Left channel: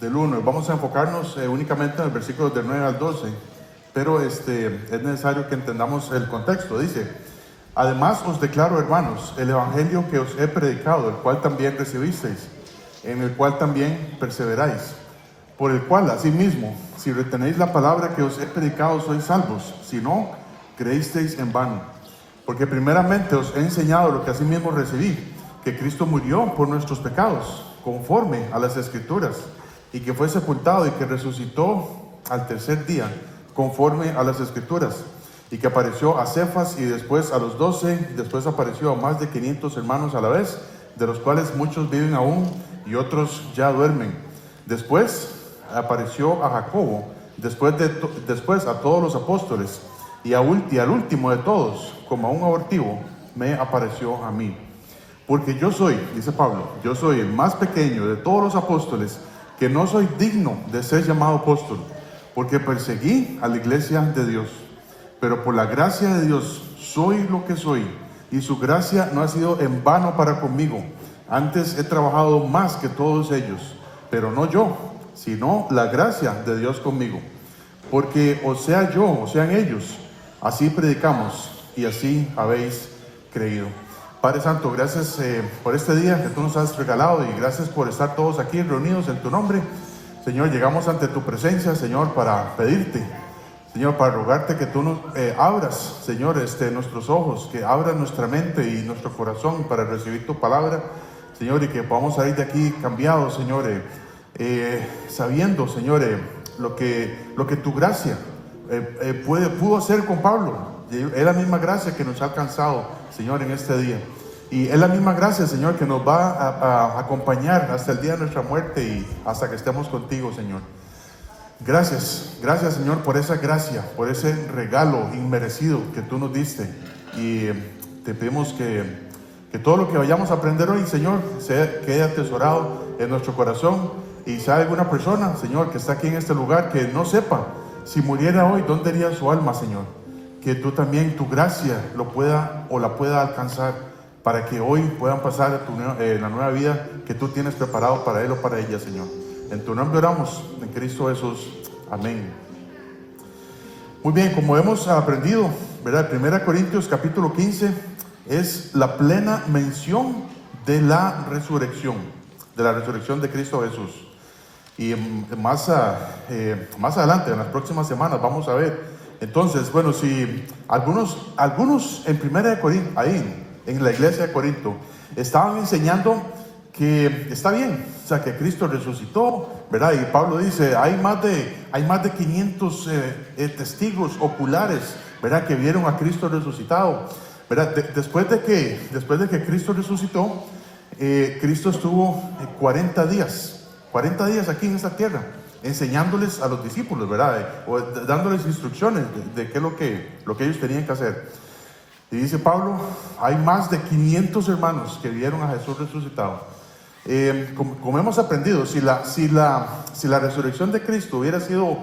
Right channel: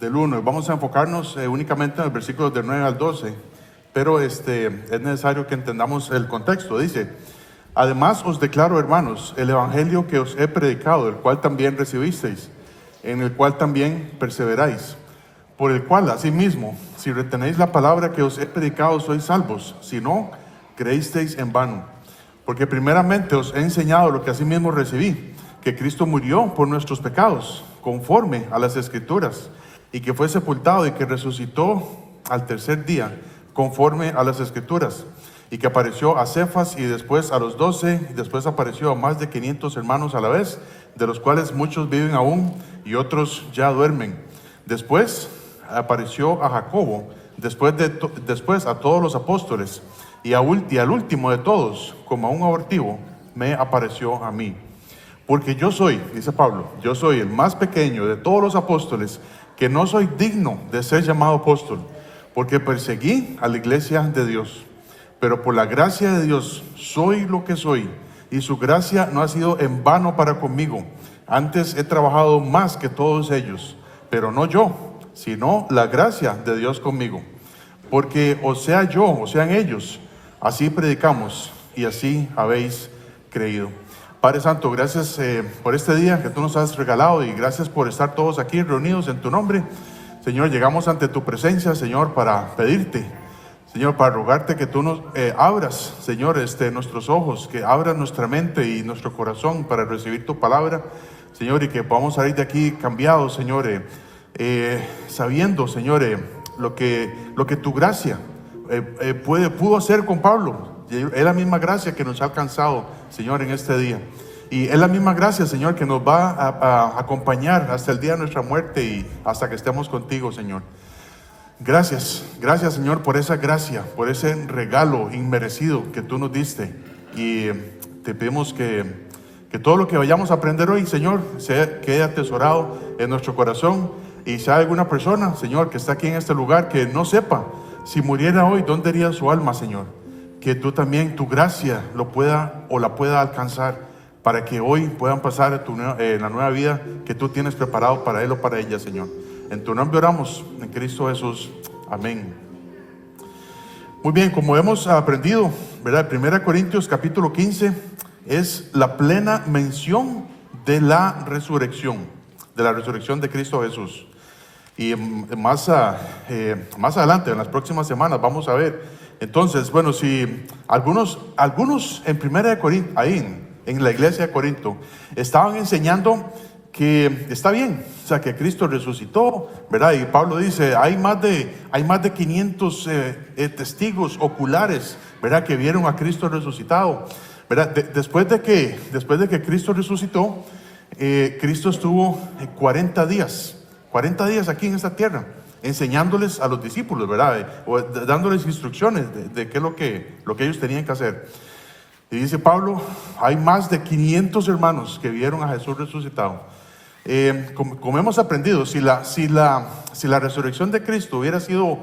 del 1. Vamos a enfocarnos únicamente en el versículo del 9 al 12, pero es necesario que entendamos el contexto. Dice: además os declaro, hermanos, el evangelio que os he predicado, el cual también recibisteis, en el cual también perseveráis, por el cual asimismo, si retenéis la palabra que os he predicado, sois salvos; si no, creísteis en vano. Porque primeramente os he enseñado lo que asimismo recibí, que Cristo murió por nuestros pecados, conforme a las Escrituras, y que fue sepultado y que resucitó al tercer día, conforme a las Escrituras, y que apareció a Cefas y después a los 12, y después apareció a más de 500 hermanos a la vez, de los cuales muchos viven aún y otros ya duermen. Después apareció a Jacobo, después a todos los apóstoles, y al último de todos, como a un abortivo, me apareció a mí. Porque yo soy, dice Pablo, yo soy el más pequeño de todos los apóstoles, que no soy digno de ser llamado apóstol, porque perseguí a la iglesia de Dios. Pero por la gracia de Dios soy lo que soy, y su gracia no ha sido en vano para conmigo. Antes he trabajado más que todos ellos, pero no yo, sino la gracia de Dios conmigo. Porque o sea yo, o sean ellos, así predicamos y así habéis creído. Padre Santo, gracias por este día que tú nos has regalado, y gracias por estar todos aquí reunidos en tu nombre. Señor, llegamos ante tu presencia, Señor, para pedirte, Señor, para rogarte que tú nos abras, Señor, nuestros ojos, que abras nuestra mente y nuestro corazón para recibir tu palabra, Señor, y que podamos salir de aquí cambiados, Señor, sabiendo, Señor, lo que tu gracia pudo hacer con Pablo. Es la misma gracia que nos ha alcanzado, Señor, en este día. Y es la misma gracia, Señor, que nos va a acompañar hasta el día de nuestra muerte y hasta que estemos contigo, Señor. Gracias, Señor, por esa gracia, por ese regalo inmerecido que tú nos diste. Y te pedimos que todo lo que vayamos a aprender hoy, Señor, quede atesorado en nuestro corazón. Y si hay alguna persona, Señor, que está aquí en este lugar, que no sepa, si muriera hoy, ¿dónde iría su alma, Señor? Que tú también, tu gracia, la pueda alcanzar, para que hoy puedan pasar la nueva vida que tú tienes preparado para él o para ella, Señor. En tu nombre oramos, en Cristo Jesús. Amén. Muy bien, como hemos aprendido, ¿verdad? 1 Corintios capítulo 15 es la plena mención de la resurrección de Cristo Jesús. Y más adelante, en las próximas semanas, vamos a ver. Entonces, bueno, si algunos en 1 Corintios, ahí en la iglesia de Corinto, estaban enseñando que está bien, o sea, que Cristo resucitó, ¿verdad? Y Pablo dice, hay más de 500 testigos oculares, ¿verdad?, que vieron a Cristo resucitado, ¿verdad? Después de que Cristo resucitó, Cristo estuvo 40 días aquí en esta tierra, enseñándoles a los discípulos, ¿verdad? O dándoles instrucciones de qué es lo que ellos tenían que hacer. Y dice Pablo, hay más de 500 hermanos que vieron a Jesús resucitado. Como hemos aprendido, si la resurrección de Cristo hubiera sido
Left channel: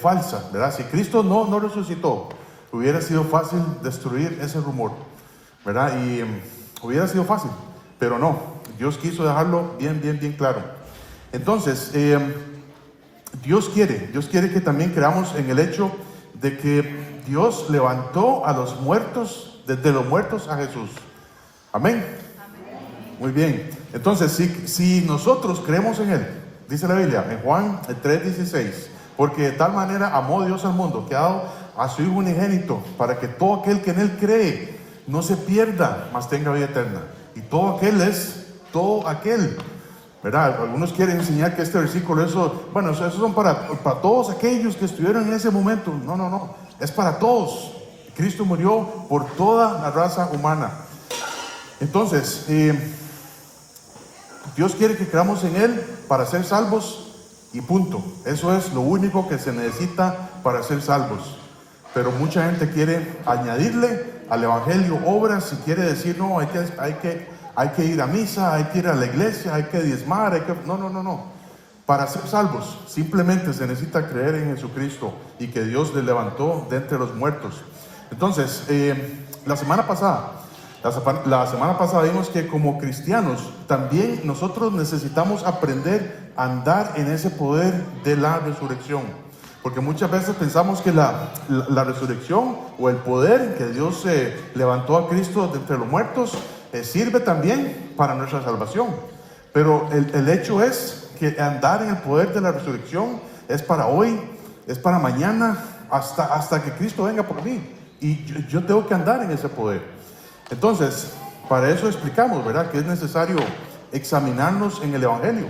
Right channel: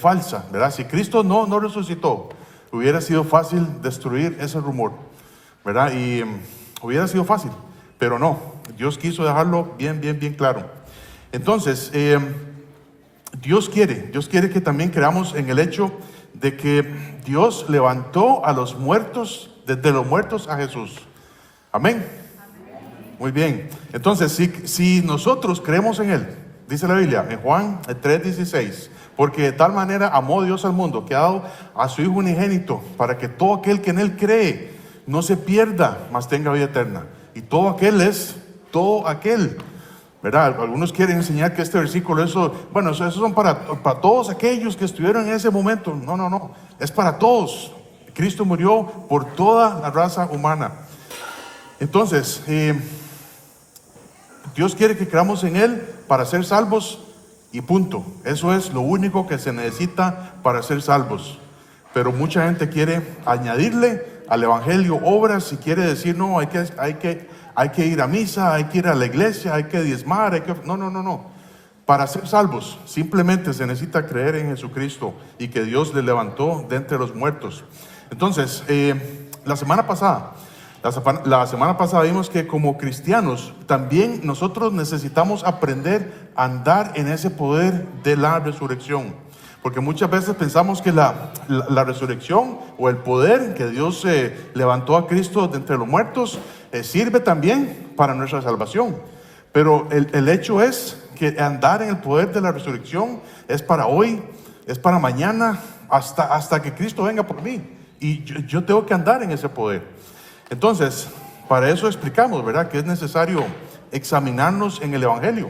falsa, ¿verdad? Si Cristo no resucitó, hubiera sido fácil destruir ese rumor, ¿verdad? Y hubiera sido fácil, pero no. Dios quiso dejarlo bien claro. Entonces, Dios quiere que también creamos en el hecho de que Dios levantó a los muertos, desde los muertos a Jesús. Amén. Muy bien. Entonces, si nosotros creemos en Él, dice la Biblia en Juan 3:16, porque de tal manera amó Dios al mundo, que ha dado a su Hijo unigénito, para que todo aquel que en Él cree no se pierda, mas tenga vida eterna. Y todo aquel es todo aquel, ¿verdad? Algunos quieren enseñar que este versículo, eso son para todos aquellos que estuvieron en ese momento. No, es para todos. Cristo murió por toda la raza humana. Entonces, Dios quiere que creamos en Él para ser salvos y punto. Eso es lo único que se necesita para ser salvos. Pero mucha gente quiere añadirle al evangelio obras y quiere decir, no, hay que ir a misa, hay que ir a la iglesia, hay que diezmar, No. Para ser salvos simplemente se necesita creer en Jesucristo y que Dios le levantó de entre los muertos. Entonces, la semana pasada La semana pasada vimos que como cristianos también nosotros necesitamos aprender a andar en ese poder de la resurrección. Porque muchas veces pensamos que la resurrección o el poder que Dios levantó a Cristo de entre los muertos sirve también para nuestra salvación. Pero el hecho es que andar en el poder de la resurrección es para hoy, es para mañana, hasta que Cristo venga por mí. Y yo tengo que andar en ese poder. Entonces, para eso explicamos, ¿verdad?, que es necesario examinarnos en el Evangelio.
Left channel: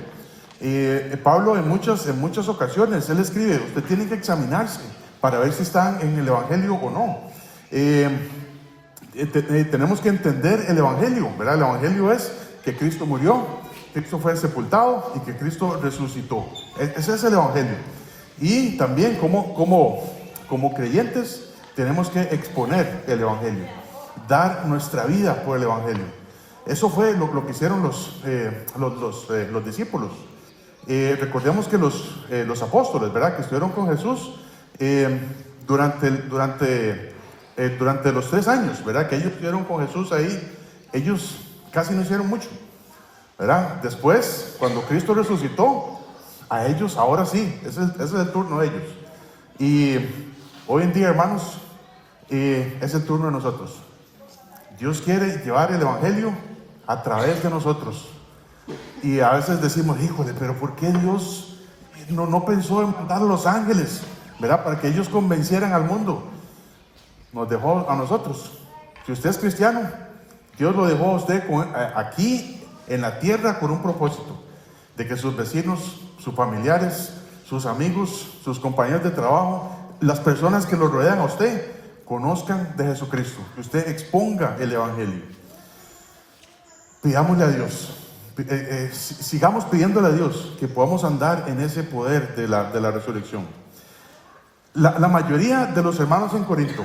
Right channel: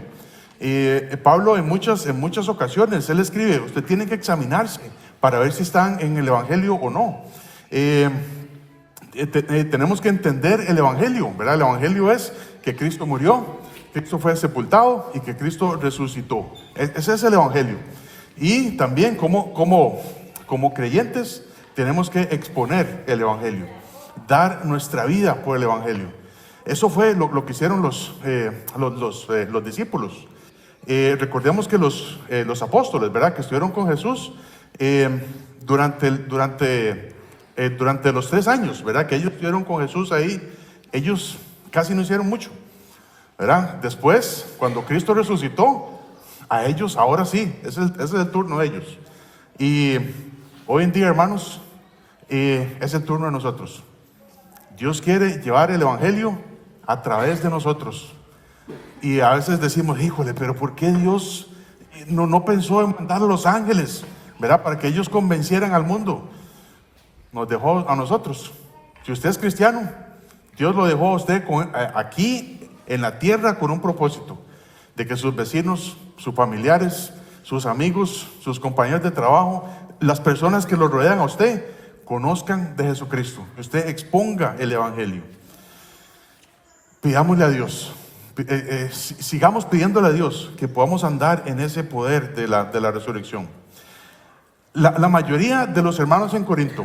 Pablo en muchas ocasiones, él escribe, usted tiene que examinarse para ver si están en el Evangelio o no. Tenemos que entender el Evangelio, ¿verdad? El Evangelio es que Cristo murió, Cristo fue sepultado y que Cristo resucitó. Ese es el Evangelio. Y también como creyentes tenemos que exponer el Evangelio, dar nuestra vida por el Evangelio. Eso fue lo que hicieron los discípulos. Recordemos que los apóstoles, ¿verdad?, que estuvieron con Jesús durante los 3 años, ¿verdad?, que ellos estuvieron con Jesús ahí, ellos casi no hicieron mucho, ¿verdad? Después, cuando Cristo resucitó, a ellos, ahora sí, ese es el turno de ellos. Y hoy en día, hermanos, es el turno de nosotros. Dios quiere llevar el Evangelio a través de nosotros. Y a veces decimos, híjole, pero ¿por qué Dios no pensó en mandar a los ángeles, ¿verdad?, para que ellos convencieran al mundo? Nos dejó a nosotros. Si usted es cristiano, Dios lo dejó a usted aquí en la tierra con un propósito, de que sus vecinos, sus familiares, sus amigos, sus compañeros de trabajo, las personas que lo rodean a usted, conozcan de Jesucristo, que usted exponga el Evangelio. Pidámosle a Dios, sigamos pidiéndole a Dios que podamos andar en ese poder de la resurrección. La mayoría de los hermanos en Corinto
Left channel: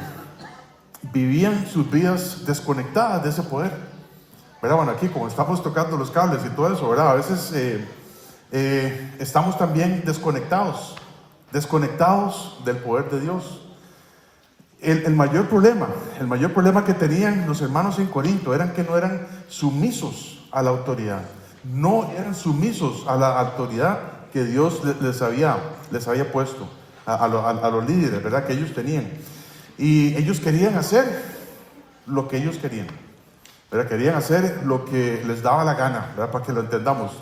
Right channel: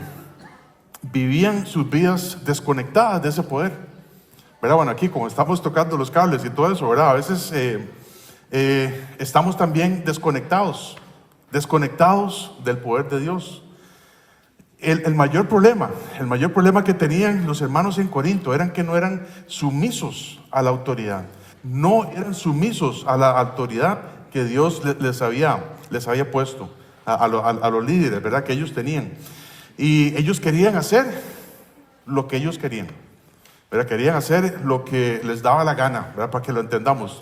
vivían sus vidas desconectadas de ese poder, ¿verdad? Bueno, aquí como estamos tocando los cables y todo eso, ¿verdad?, a veces estamos también desconectados del poder de Dios. El mayor problema que tenían los hermanos en Corinto eran que no eran sumisos a la autoridad, no eran sumisos a la autoridad que Dios les había puesto a los líderes, ¿verdad?, que ellos tenían. Y ellos querían hacer lo que ellos querían, ¿verdad? Querían hacer lo que les daba la gana, ¿verdad?, para que lo entendamos.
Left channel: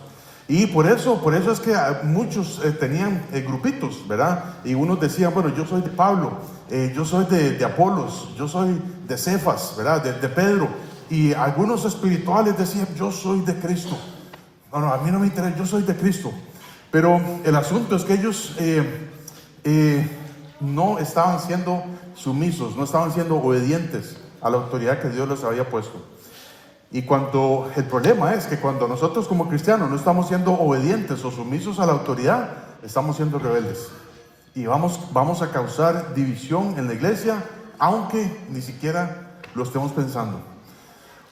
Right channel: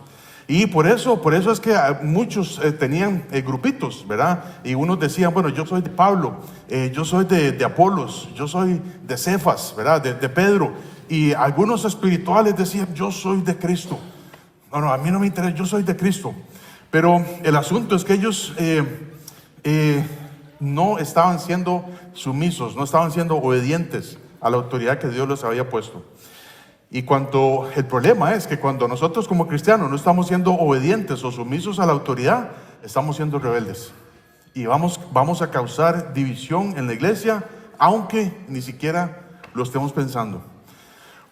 Y por eso es que muchos tenían grupitos, ¿verdad? Y unos decían, bueno, yo soy de Pablo, yo soy de Apolos, yo soy de Cefas, ¿verdad?, de Pedro. Y algunos espirituales decían, yo soy de Cristo. No, a mí no me interesa, yo soy de Cristo. Pero el asunto es que ellos no estaban siendo sumisos, no estaban siendo obedientes a la autoridad que Dios les había puesto. Y el problema es que cuando nosotros como cristianos no estamos siendo obedientes o sumisos a la autoridad, estamos siendo rebeldes. Y vamos a causar división en la iglesia, aunque ni siquiera lo estemos pensando.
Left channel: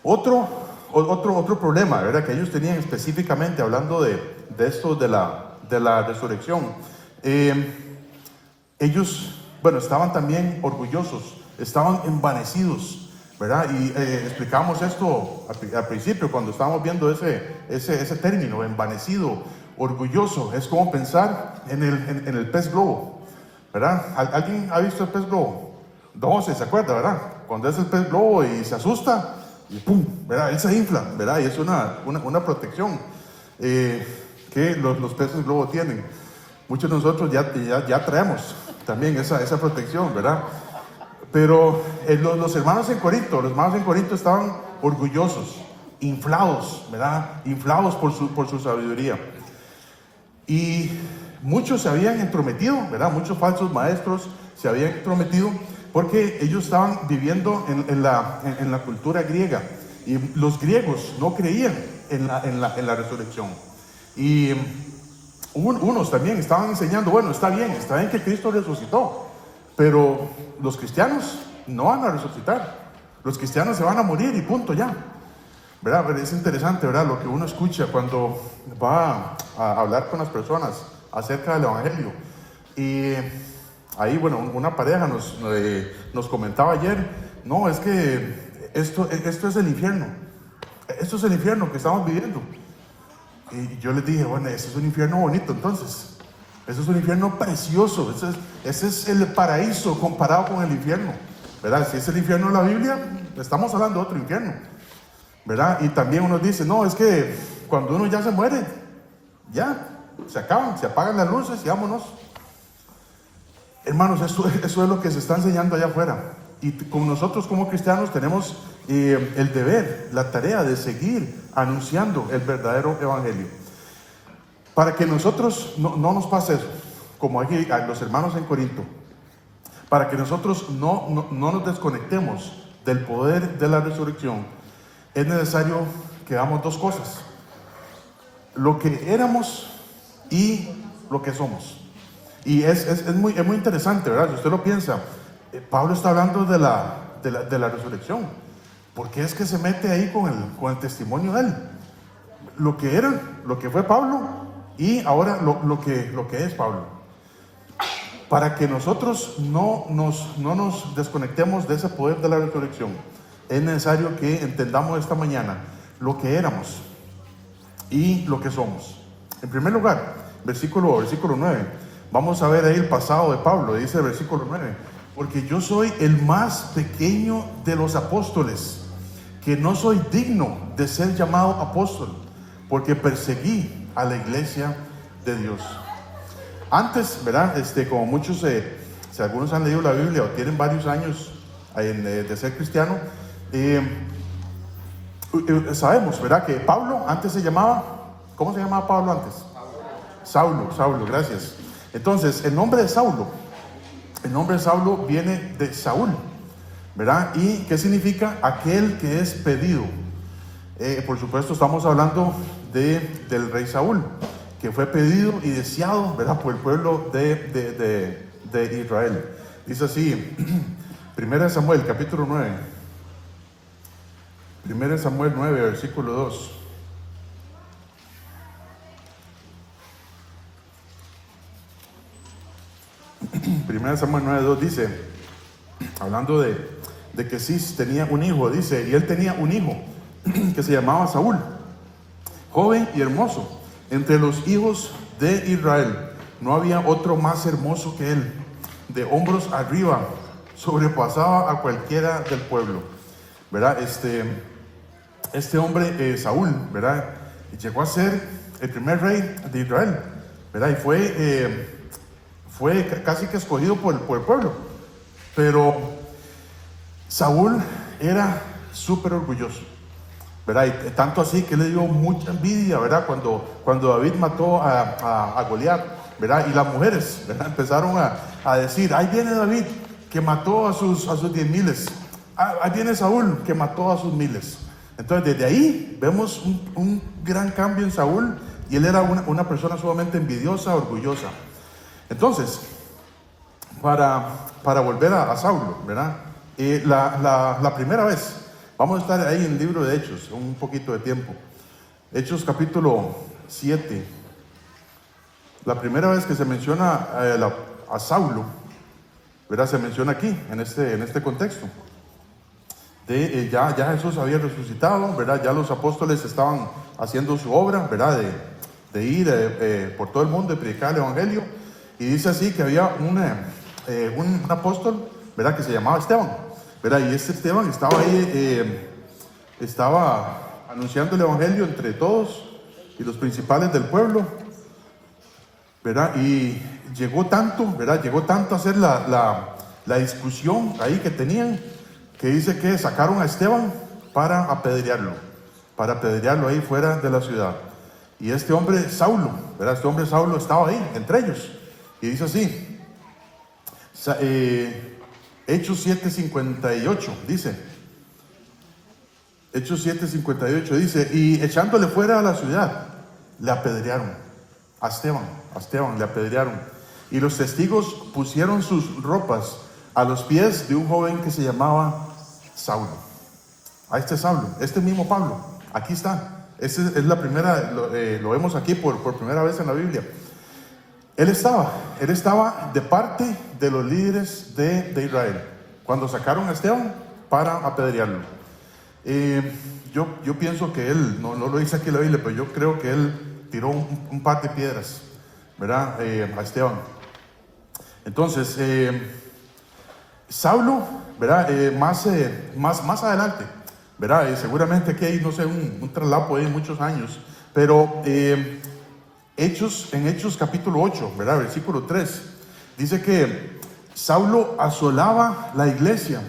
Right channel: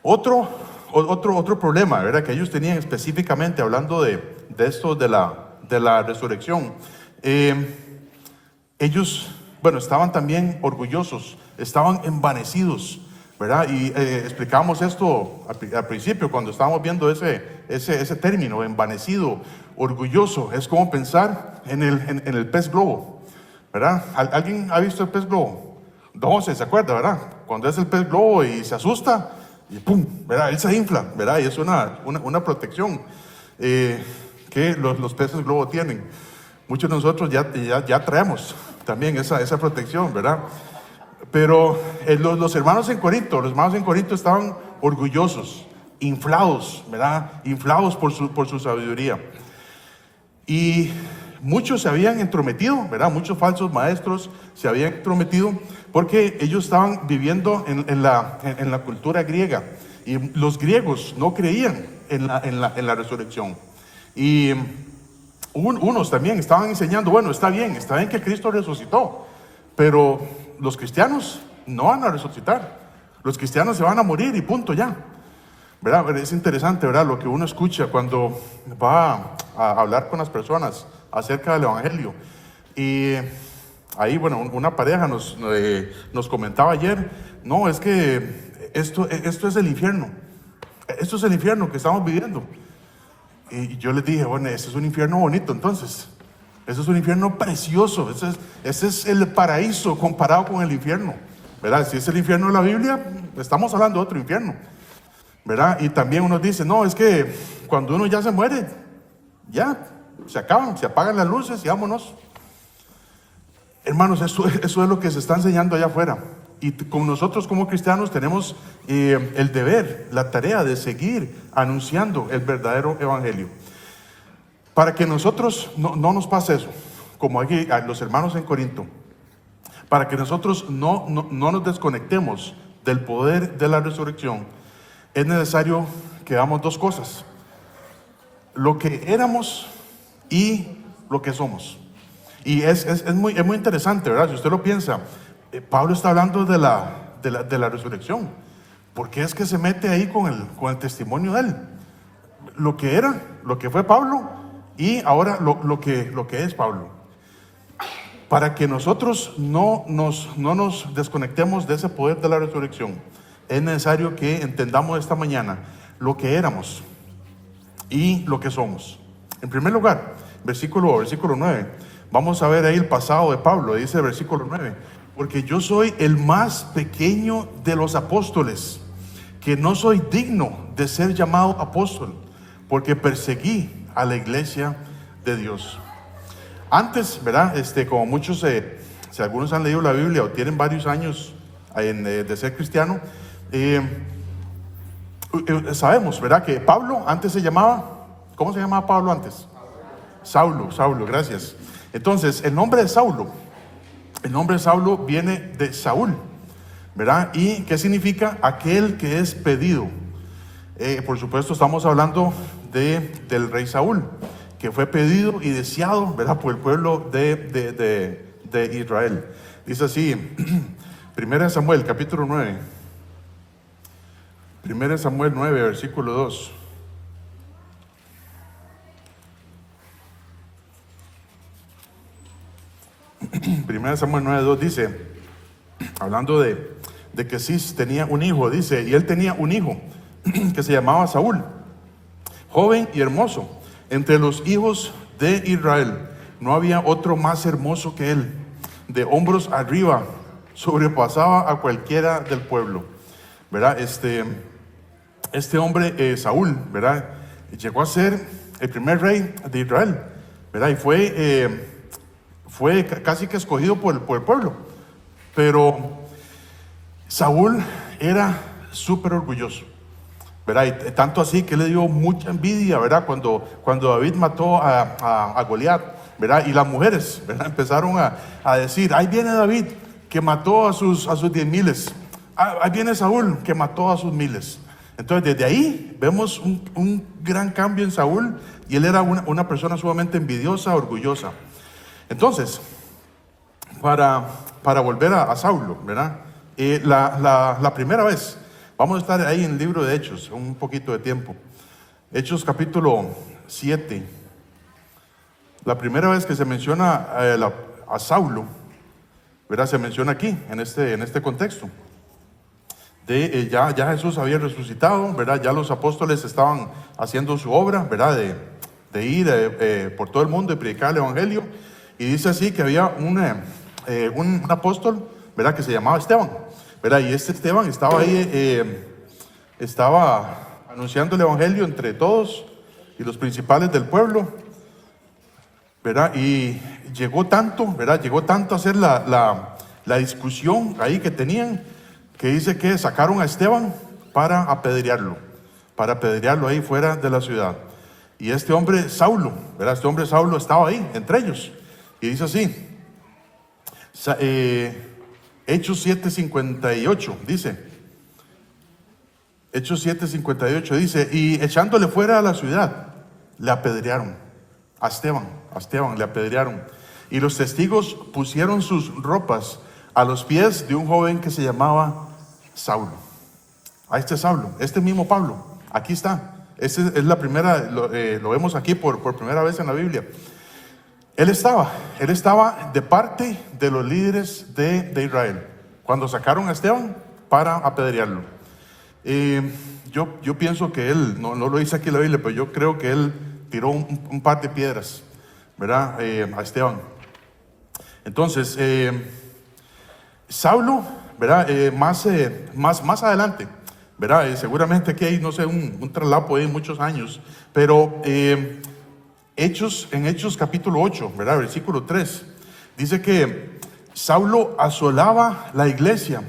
Otro problema, ¿verdad?, que ellos tenían específicamente hablando de esto de la resurrección. Ellos, estaban también orgullosos, estaban envanecidos, ¿verdad? Y explicamos esto al principio cuando estábamos viendo ese término, envanecido, orgulloso. Es como pensar en el pez globo, ¿verdad? ¿Alguien ha visto el pez globo? No, se acuerda, ¿verdad? Cuando es el pez globo y se asusta y ¡pum!, ¿verdad? Él se infla, ¿verdad? Y es una protección que los peces globo tienen. Muchos de nosotros ya traemos también esa protección, ¿verdad? Pero los hermanos en Corinto estaban orgullosos, inflados, ¿verdad? Inflados por su sabiduría. Y muchos se habían entrometido, ¿verdad? Muchos falsos maestros se habían entrometido porque ellos estaban viviendo en la cultura griega. Y los griegos no creían en la resurrección. Y unos también estaban enseñando, bueno, está bien que Cristo resucitó, pero los cristianos no van a resucitar. Los cristianos se van a morir y punto ya, ¿verdad? Es interesante, ¿verdad?, lo que uno escucha cuando va a hablar con las personas acerca del Evangelio. Y ahí, una pareja nos comentaba ayer, no, es que esto es el infierno. Esto es el infierno que estamos viviendo. Y yo les dije, bueno, ese es un infierno bonito entonces. Ese es un infierno precioso. Ese es el paraíso comparado con el infierno, ¿verdad? Si es el infierno de la Biblia, estamos hablando de otro infierno, ¿verdad? Y también uno dice, no, es que cuando uno ya se muere, ya, se acaban, se apagan las luces y vámonos. Hermanos, eso es lo que se está enseñando allá afuera. Y como nosotros como cristianos tenemos el deber, la tarea de seguir anunciando el verdadero evangelio. Para que nosotros no nos pase eso, como aquí a los hermanos en Corinto, para que nosotros no nos desconectemos del poder de la resurrección, es necesario que hagamos dos cosas: lo que éramos y lo que somos. Y es muy interesante, ¿verdad? Si usted lo piensa, Pablo está hablando de la resurrección. ¿Por qué es que se mete ahí con el testimonio de él? Lo que era, lo que fue Pablo, y ahora lo que es Pablo. Para que nosotros no nos desconectemos de ese poder de la resurrección, es necesario que entendamos esta mañana lo que éramos y lo que somos. En primer lugar, versículo 9, vamos a ver ahí el pasado de Pablo. Dice el versículo 9: porque yo soy el más pequeño de los apóstoles, que no soy digno de ser llamado apóstol, porque perseguí a la iglesia de Dios. Antes, ¿verdad? Como muchos, si algunos han leído la Biblia o tienen varios años de ser cristiano, sabemos, ¿verdad? Que Pablo antes se llamaba, ¿cómo se llamaba Pablo antes? Saulo, gracias. Entonces, el nombre de Saulo viene de Saúl, ¿verdad? ¿Y qué significa? Aquel que es pedido. Por supuesto, estamos hablando del rey Saúl, que fue pedido y deseado, ¿verdad?, por el pueblo de Israel. Dice así, 1 Samuel, capítulo 9. 1 Samuel 9, versículo 2. Primera Samuel 9:2 dice, hablando de que Cis tenía un hijo, dice, y él tenía un hijo que se llamaba Saúl, joven y hermoso. Entre los hijos de Israel no había otro más hermoso que él. De hombros arriba sobrepasaba a cualquiera del pueblo, ¿verdad? Este hombre, Saúl, ¿verdad?, llegó a ser el primer rey de Israel, ¿verdad? Y fue casi que escogido por el pueblo. Pero Saúl era súper orgulloso, ¿verdad? Y tanto así que le dio mucha envidia, ¿verdad? Cuando David mató a Goliat, ¿verdad? Y las mujeres, ¿verdad?, empezaron a decir, ahí viene David que mató a sus 10,000. Ahí viene Saúl que mató a sus 1,000. Entonces desde ahí vemos un gran cambio en Saúl, y él era una persona sumamente envidiosa, orgullosa. Entonces, para volver a Saulo, ¿verdad? La primera vez, vamos a estar ahí en el libro de Hechos, un poquito de tiempo. Hechos capítulo 7. La primera vez que se menciona a Saulo, ¿verdad?, se menciona aquí, en este contexto. Ya Jesús había resucitado, ¿verdad? Ya los apóstoles estaban haciendo su obra, ¿verdad?, de ir por todo el mundo y predicar el evangelio. Y dice así que había un apóstol, ¿verdad?, que se llamaba Esteban, ¿verdad? Y Esteban estaba ahí, estaba anunciando el evangelio entre todos y los principales del pueblo, ¿verdad? Y llegó tanto, ¿verdad?, a ser la discusión ahí que tenían, que dice que sacaron a Esteban para apedrearlo ahí fuera de la ciudad. Y este hombre Saulo, ¿verdad?, estaba ahí entre ellos. Y dice así, Hechos 7:58, dice, Hechos 7:58 dice, y echándole fuera de la ciudad, le apedrearon a Esteban le apedrearon. Y los testigos pusieron sus ropas a los pies de un joven que se llamaba Saulo. A Saulo, este mismo Pablo, aquí está. Es la primera, lo vemos aquí por primera vez en la Biblia. Él estaba de parte de los líderes de Israel cuando sacaron a Esteban para apedrearlo. Yo pienso que él, no lo dice aquí en la Biblia, pero yo creo que él tiró un par de piedras, ¿verdad? A Esteban. Entonces, Saulo, ¿verdad? Más adelante, ¿verdad? Seguramente aquí hay, no sé, un traslapo ahí de muchos años, pero en Hechos capítulo 8, ¿verdad? Versículo 3, dice que Saulo asolaba la iglesia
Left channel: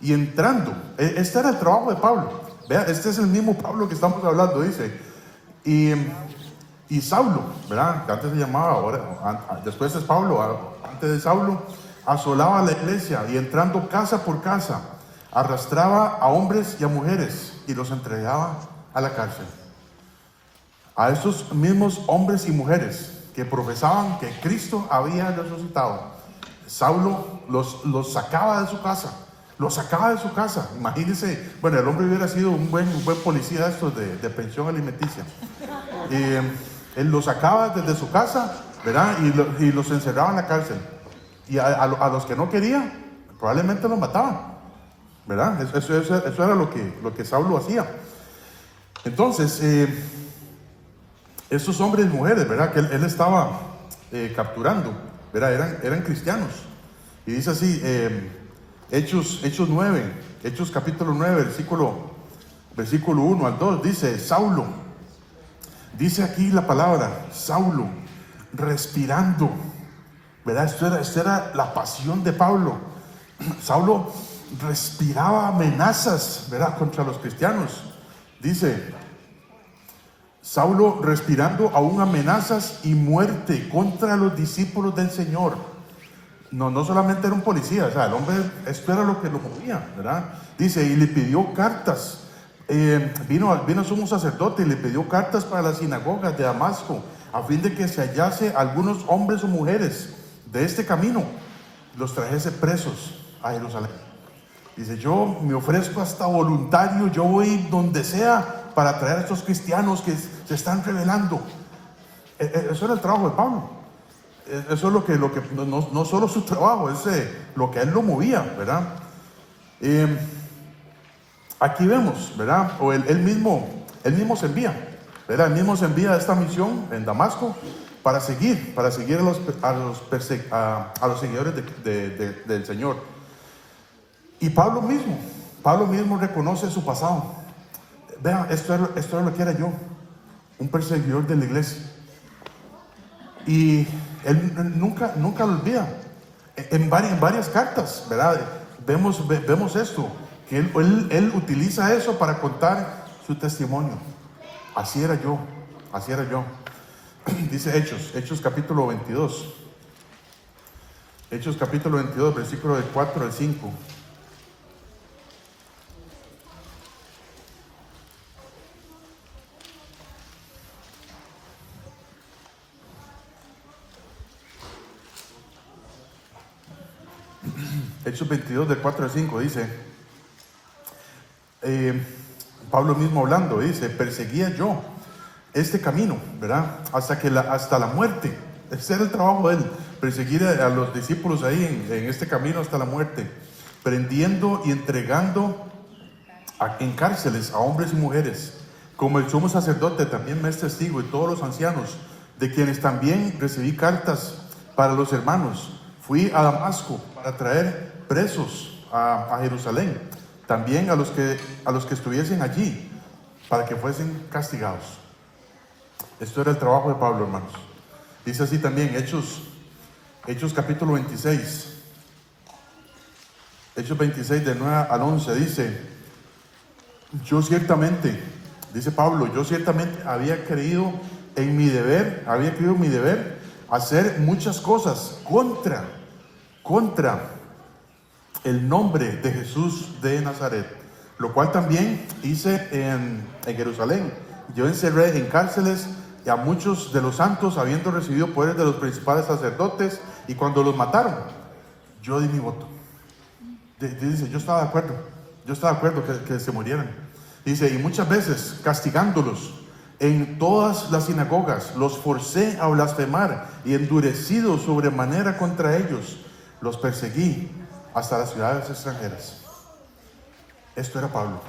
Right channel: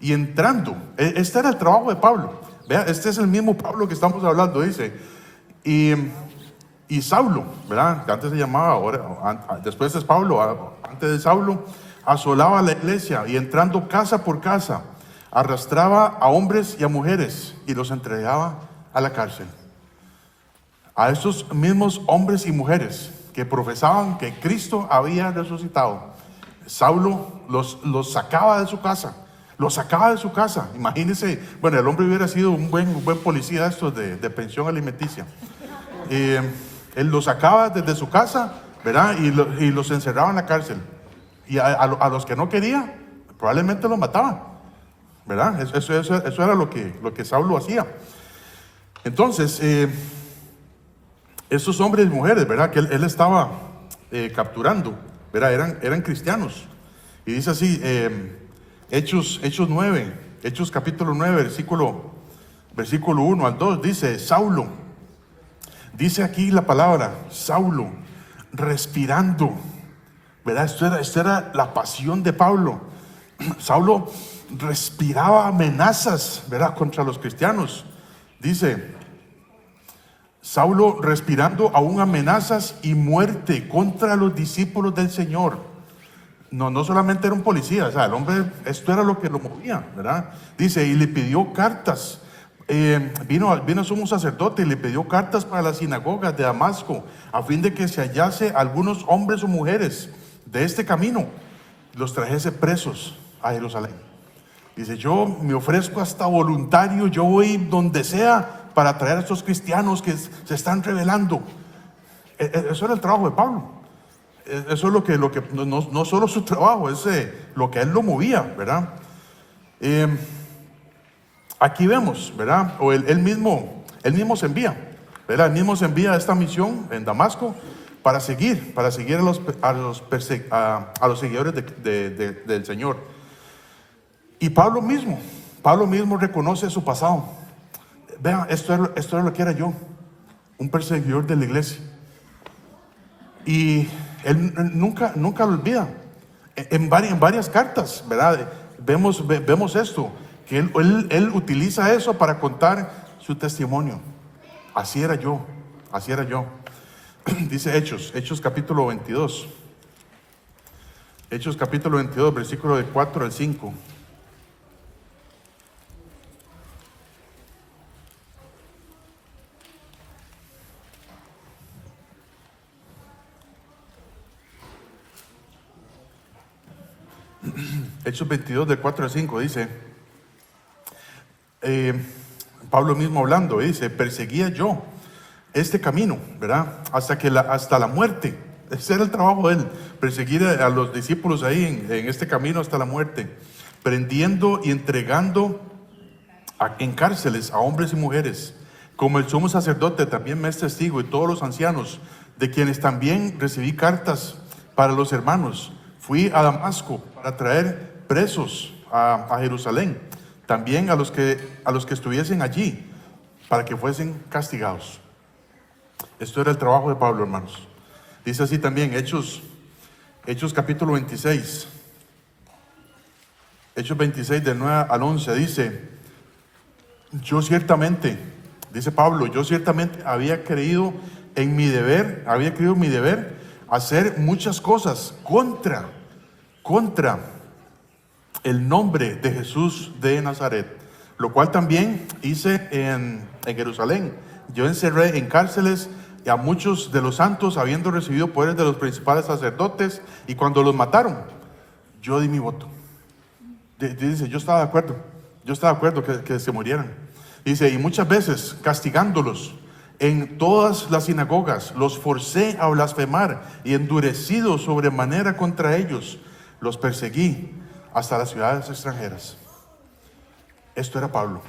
y entrando, este era el trabajo de Pablo, ¿vea? Este es el mismo Pablo que estamos hablando, dice, y Saulo, ¿verdad? Que antes se llamaba, ahora, después es Pablo, antes de Saulo, asolaba la iglesia y entrando casa por casa, arrastraba a hombres y a mujeres y los entregaba a la cárcel. A esos mismos hombres y mujeres que profesaban que Cristo había resucitado, Saulo los sacaba de su casa. Los sacaba de su casa. Imagínense, bueno, el hombre hubiera sido un buen policía estos de pensión alimenticia. Él los sacaba desde su casa, ¿verdad? Y los encerraba en la cárcel. Y a los que no quería, probablemente los mataba, ¿verdad? Eso era lo que Saulo hacía. Entonces, esos hombres y mujeres, ¿verdad? Que él estaba capturando, ¿verdad? Eran cristianos. Y dice así, Hechos 9, Hechos capítulo 9, versículo 1 al 2, dice, Saulo, dice aquí la palabra, Saulo, respirando, ¿verdad? Esto era la pasión de Pablo. Saulo respiraba amenazas, ¿verdad? Contra los cristianos. Dice, Saulo respirando aún amenazas y muerte contra los discípulos del Señor. No solamente era un policía, o sea, el hombre, esto era lo que lo movía, ¿verdad? Dice, y le pidió cartas. Vino sumo sacerdote y le pidió cartas para las sinagogas de Damasco, a fin de que se hallase algunos hombres o mujeres de este camino, los trajese presos a Jerusalén. Dice, yo me ofrezco hasta voluntario, yo voy donde sea para traer a estos cristianos que se están rebelando. Eso era el trabajo de Pablo. Eso es lo que no solo su trabajo, es lo que a él lo movía, ¿verdad? Aquí vemos, ¿verdad? O él mismo se envía, ¿verdad? Él mismo se envía a esta misión en Damasco para seguir a los seguidores del Señor. Y Pablo mismo reconoce su pasado. Vean, esto es lo que era yo, un perseguidor de la iglesia. Y él nunca lo olvida. En varias cartas, ¿verdad? Vemos esto, que él utiliza eso para contar su testimonio. Así era yo. Dice Hechos capítulo 22. Hechos capítulo 22, versículo de 4 al 5. Hechos 22, de 4 al 5, dice, Pablo mismo hablando, dice, perseguía yo este camino, ¿verdad? Hasta la muerte. Ese era el trabajo de él, perseguir a los discípulos ahí en este camino hasta la muerte, prendiendo y entregando en cárceles a hombres y mujeres, como el sumo sacerdote también me es testigo, y todos los ancianos, de quienes también recibí cartas para los hermanos. Fui a Damasco para traer presos a Jerusalén, también a los que estuviesen allí, para que fuesen castigados. Esto era el trabajo de Pablo, hermanos. Dice así también Hechos capítulo 26. Hechos 26 del 9 al 11 dice, dice Pablo, yo ciertamente había creído en mi deber hacer muchas cosas contra el nombre de Jesús de Nazaret, lo cual también hice en Jerusalén. Yo encerré en cárceles a muchos de los santos, habiendo recibido poderes de los principales sacerdotes, y cuando los mataron, yo di mi voto. Dice, yo estaba de acuerdo que se murieran. Dice, y muchas veces castigándolos en todas las sinagogas, los forcé a blasfemar, y endurecido sobremanera contra ellos, los perseguí hasta las ciudades extranjeras. Esto era Pablo.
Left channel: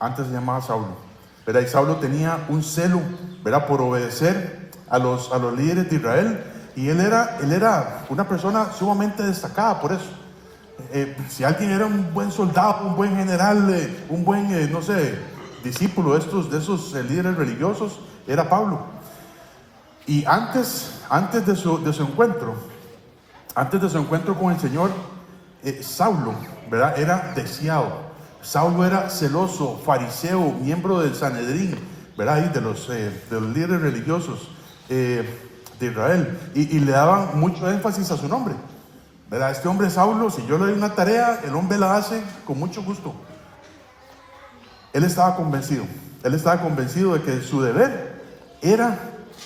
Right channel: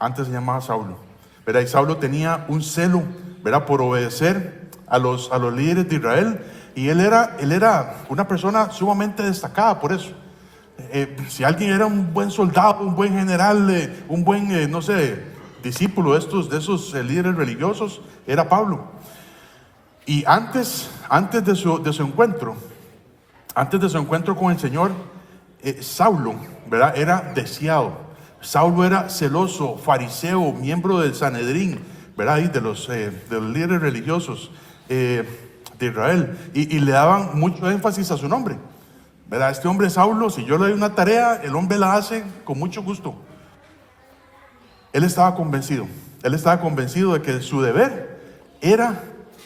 Antes se llamaba Saulo, ¿verdad? Y Saulo tenía un celo, ¿verdad?, por obedecer a los líderes de Israel. Y él era una persona sumamente destacada por eso. Si alguien era un buen soldado, un buen general, un buen, no sé, discípulo de esos líderes religiosos, era Pablo. Y antes de su encuentro con el Señor, Saulo, ¿verdad?, era deseado. Saulo era celoso, fariseo, miembro del Sanedrín, ¿verdad?, y de los líderes religiosos de Israel, y le daban mucho énfasis a su nombre, ¿verdad? Este hombre Saulo, si yo le doy una tarea, el hombre la hace con mucho gusto. Él estaba convencido de que su deber era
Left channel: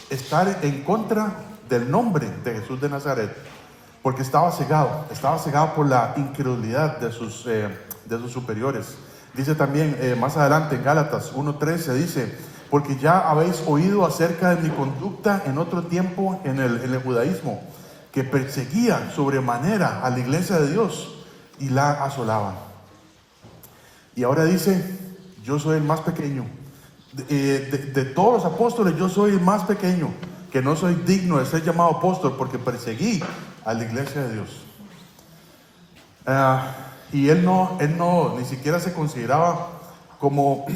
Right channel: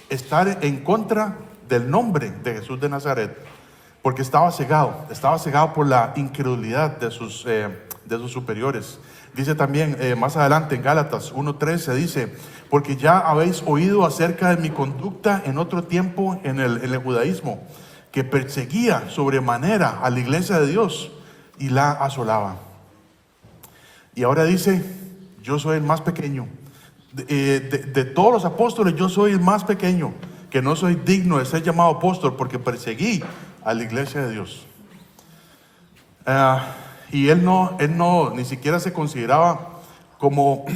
estar en contra del nombre de Jesús de Nazaret, porque estaba cegado por la incredulidad de sus superiores. Dice también más adelante en Gálatas 1:13, dice: porque ya habéis oído acerca de mi conducta en otro tiempo en el judaísmo, que perseguía sobremanera a la iglesia de Dios y la asolaba. Y ahora dice: yo soy el más pequeño. De todos los apóstoles, yo soy el más pequeño, que no soy digno de ser llamado apóstol porque perseguí a la iglesia de Dios. Y él no ni siquiera se consideraba como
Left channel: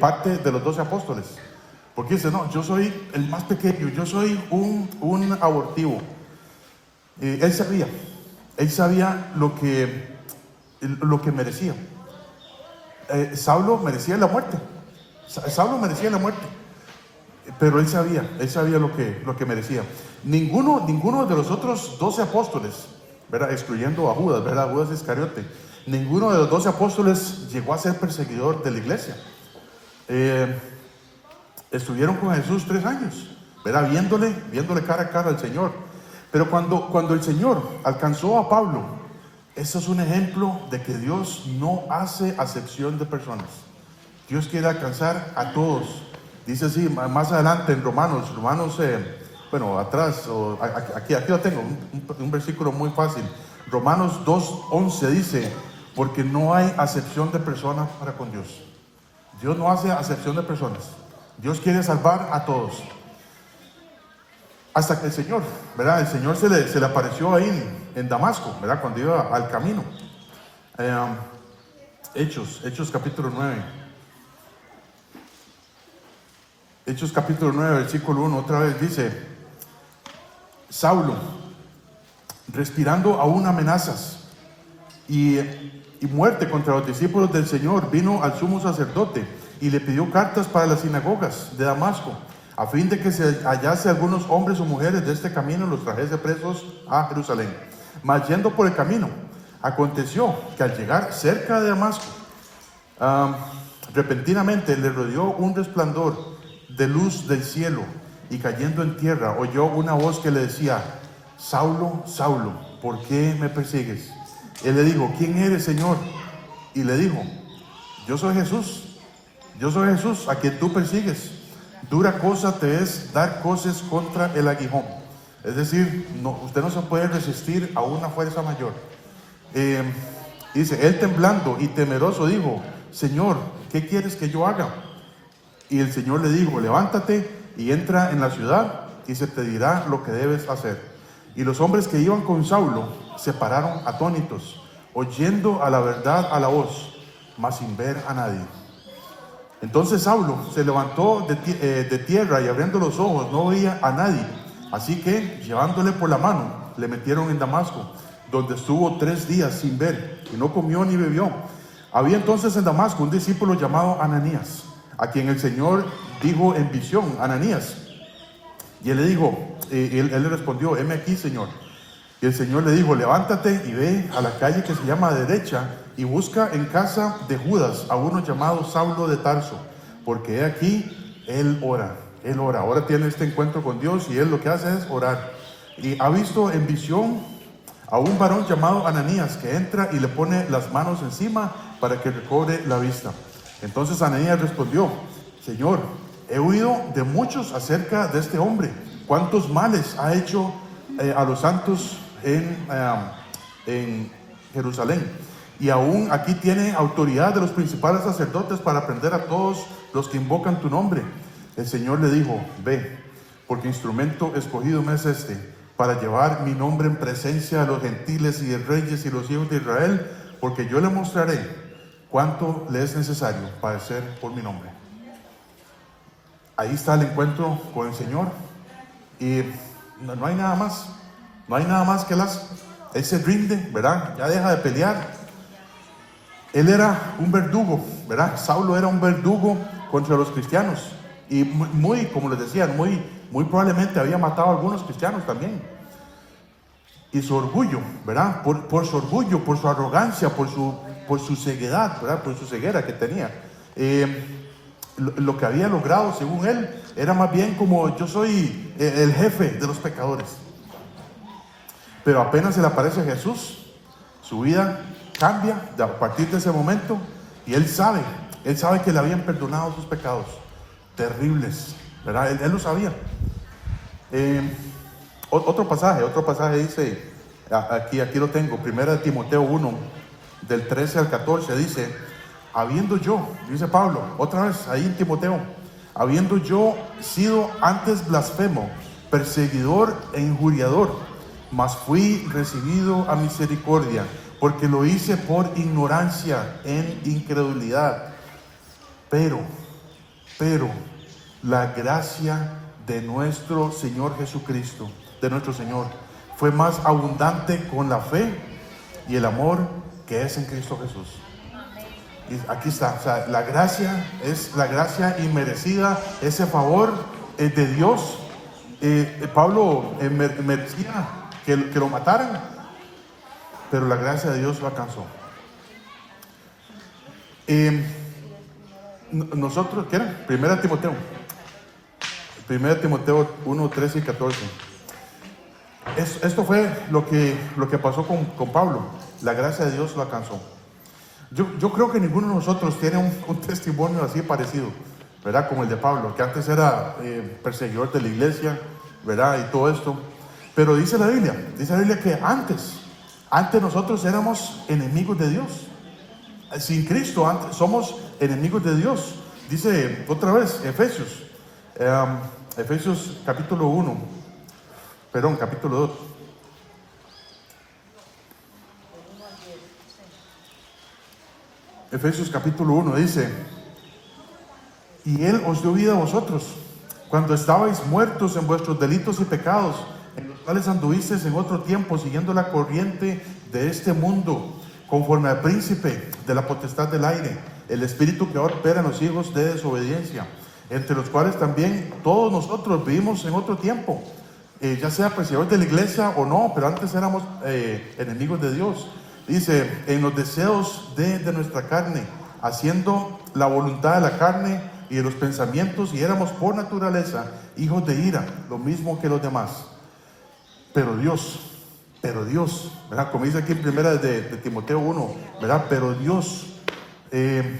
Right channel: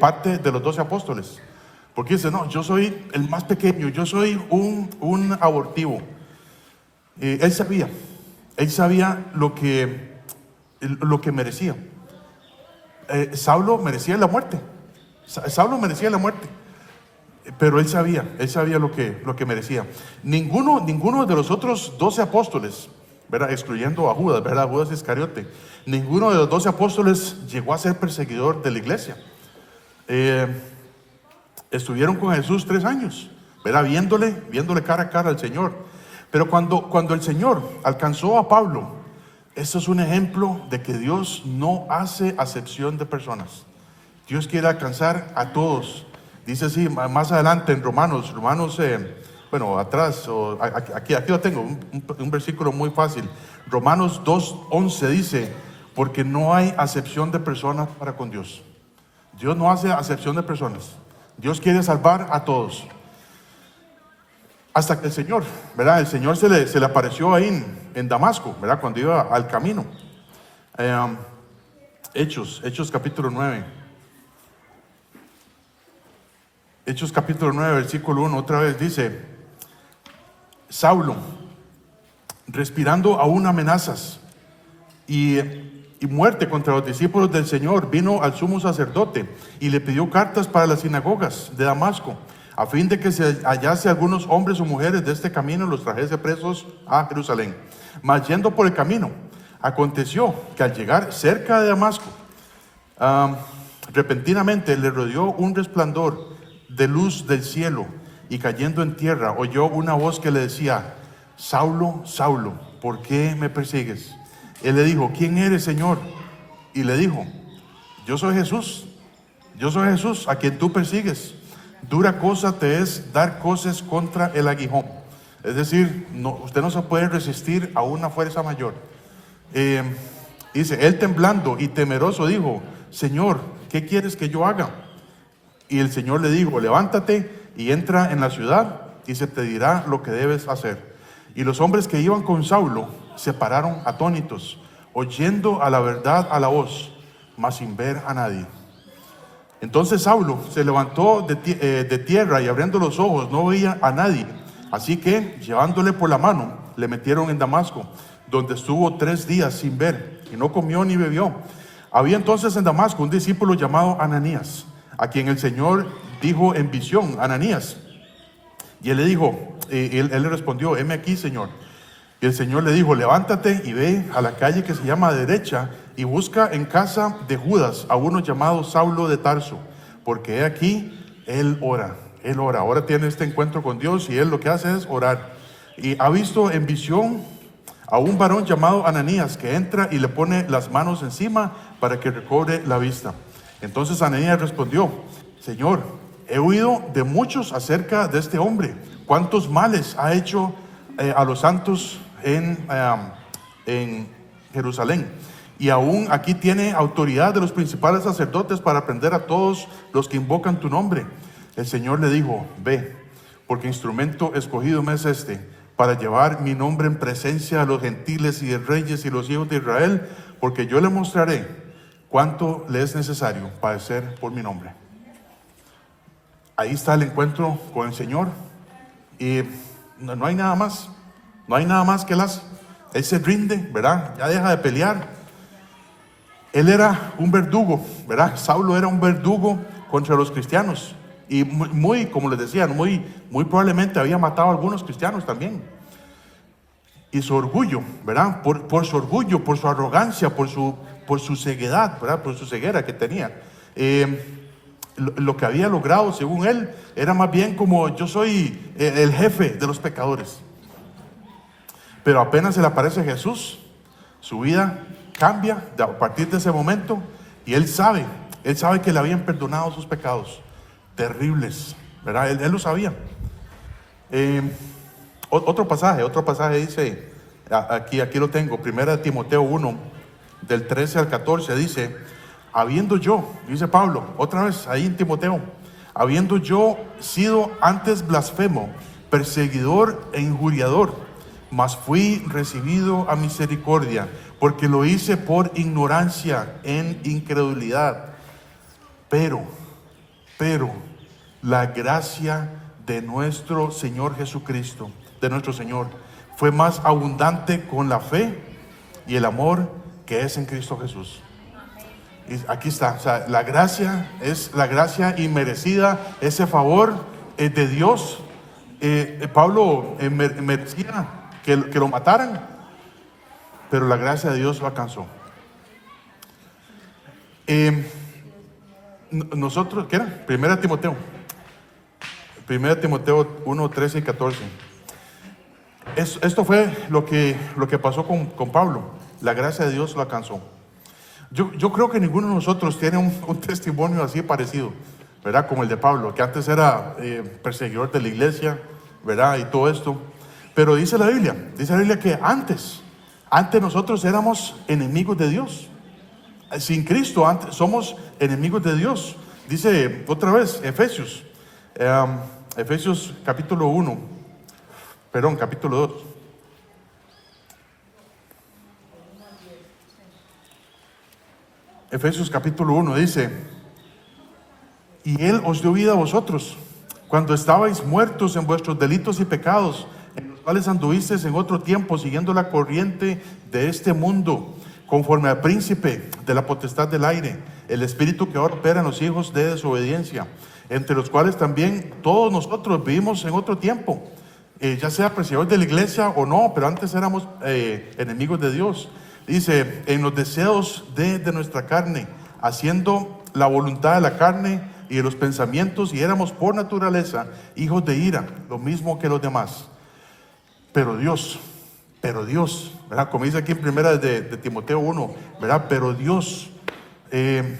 parte de los 12 apóstoles, porque dice: no, yo soy el más pequeño, yo soy un abortivo. Él sabía lo que merecía. Saulo merecía la muerte, pero él sabía lo que merecía. Ninguno de los otros 12 apóstoles, ¿verdad?, excluyendo a Judas, ¿verdad?, Judas Iscariote, ninguno de los 12 apóstoles llegó a ser perseguidor de la iglesia. Estuvieron con Jesús 3 años, ¿verdad?, viéndole cara a cara al Señor. Pero cuando el Señor alcanzó a Pablo, eso es un ejemplo de que Dios no hace acepción de personas. Dios quiere alcanzar a todos. Dice así más adelante en Romanos, atrás, aquí lo tengo, un versículo muy fácil. Romanos 2:11 dice: porque no hay acepción de personas para con Dios. Dios no hace acepción de personas. Dios quiere salvar a todos. Hasta que el Señor, ¿verdad?, el Señor se le apareció ahí en Damasco, ¿verdad?, cuando iba al camino. Hechos capítulo 9. Hechos capítulo 9, versículo 1, otra vez dice: Saulo, respirando aún amenazas y muerte contra los discípulos del Señor, vino al sumo sacerdote y le pidió cartas para las sinagogas de Damasco, a fin de que se hallase algunos hombres o mujeres de este camino, los trajese presos a Jerusalén. Mas yendo por el camino, aconteció que al llegar cerca de Damasco, repentinamente le rodeó un resplandor de luz del cielo, y cayendo en tierra oyó una voz que le decía: Saulo, Saulo, ¿por qué me persigues? Él le dijo: ¿quién eres, Señor? Y le dijo: yo soy Jesús, a quien tú persigues. Dura cosa te es dar coces contra el aguijón. Es decir, usted no se puede resistir a una fuerza mayor. Dice: él temblando y temeroso dijo: Señor, ¿qué quieres que yo haga? Y el Señor le dijo: levántate y entra en la ciudad, y se te dirá lo que debes hacer. Y los hombres que iban con Saulo se pararon atónitos, oyendo a la verdad a la voz, mas sin ver a nadie. Entonces Saulo se levantó de tierra, y abriendo los ojos no veía a nadie. Así que, llevándole por la mano, le metieron en Damasco, donde estuvo 3 días sin ver, y no comió ni bebió. Había entonces en Damasco un discípulo llamado Ananías, a quien el Señor dijo en visión: Ananías. Y él le dijo, él le respondió: heme aquí, Señor. Y el Señor le dijo: levántate y ve a la calle que se llama Derecha, y busca en casa de Judas a uno llamado Saulo de Tarso, porque he aquí, él ora. Ahora tiene este encuentro con Dios, y él lo que hace es orar. Y ha visto en visión a un varón llamado Ananías, que entra y le pone las manos encima para que recobre la vista. Entonces Ananías respondió: Señor, he oído de muchos acerca de este hombre, cuántos males ha hecho a los santos en Jerusalén. y aún aquí tiene autoridad de los principales sacerdotes para prender a todos los que invocan tu nombre. El Señor le dijo: ve, porque instrumento escogido me es este, para llevar mi nombre en presencia de los gentiles y de reyes y los hijos de Israel, porque yo le mostraré cuánto le es necesario padecer por mi nombre. Ahí está el encuentro con el Señor, y no hay nada más, no hay nada más que él se rinde, ¿verdad? Ya deja de pelear. Él era un verdugo, ¿verdad? Saulo era un verdugo contra los cristianos, y muy, como les decía, muy probablemente había matado a algunos cristianos también. Y su orgullo, ¿verdad? Por su orgullo, por su arrogancia, por su ceguedad, ¿verdad? Por su ceguera que tenía. Lo que había logrado, según él, era más bien como: yo soy el jefe de los pecadores. Pero apenas se le aparece Jesús, su vida cambia a partir de ese momento, y él sabe que le habían perdonado sus pecados terribles, ¿verdad? Él lo sabía. Otro pasaje dice, aquí lo tengo, 1 Timoteo 1, del 13 al 14, dice: habiendo yo, dice Pablo, otra vez ahí en Timoteo, habiendo yo sido antes blasfemo, perseguidor e injuriador, mas fui recibido a misericordia, porque lo hice por ignorancia en incredulidad. Pero la gracia de nuestro Señor Jesucristo, de nuestro Señor, fue más abundante con la fe y el amor que es en Cristo Jesús. Y aquí está, o sea, la gracia es la gracia inmerecida, ese favor de Dios. Pablo merecía que lo mataran, pero la gracia de Dios lo alcanzó. Nosotros, ¿qué era? 1 Timoteo 1, 13 y 14. Esto fue lo que pasó con Pablo. La gracia de Dios lo alcanzó. Yo creo que ninguno de nosotros tiene un testimonio así parecido, ¿verdad? Como el de Pablo, que antes era perseguidor de la iglesia, ¿verdad? Y todo esto. Pero dice la Biblia que antes nosotros éramos enemigos de Dios. Sin Cristo antes somos enemigos de Dios. Dice otra vez Efesios capítulo 2. Efesios capítulo 1 dice: y Él os dio vida a vosotros, cuando estabais muertos en vuestros delitos y pecados, en los cuales anduvisteis en otro tiempo, siguiendo la corriente de este mundo, conforme al príncipe de la potestad del aire, el espíritu que ahora opera en los hijos de desobediencia, entre los cuales también todos nosotros vivimos en otro tiempo, ya sea perseguidores de la iglesia o no, pero antes éramos enemigos de Dios. Dice: en los deseos de nuestra carne, haciendo la voluntad de la carne y de los pensamientos, y éramos por naturaleza hijos de ira, lo mismo que los demás. Pero Dios, ¿verdad? Como dice aquí en primera de Timoteo 1, ¿verdad? Pero Dios, que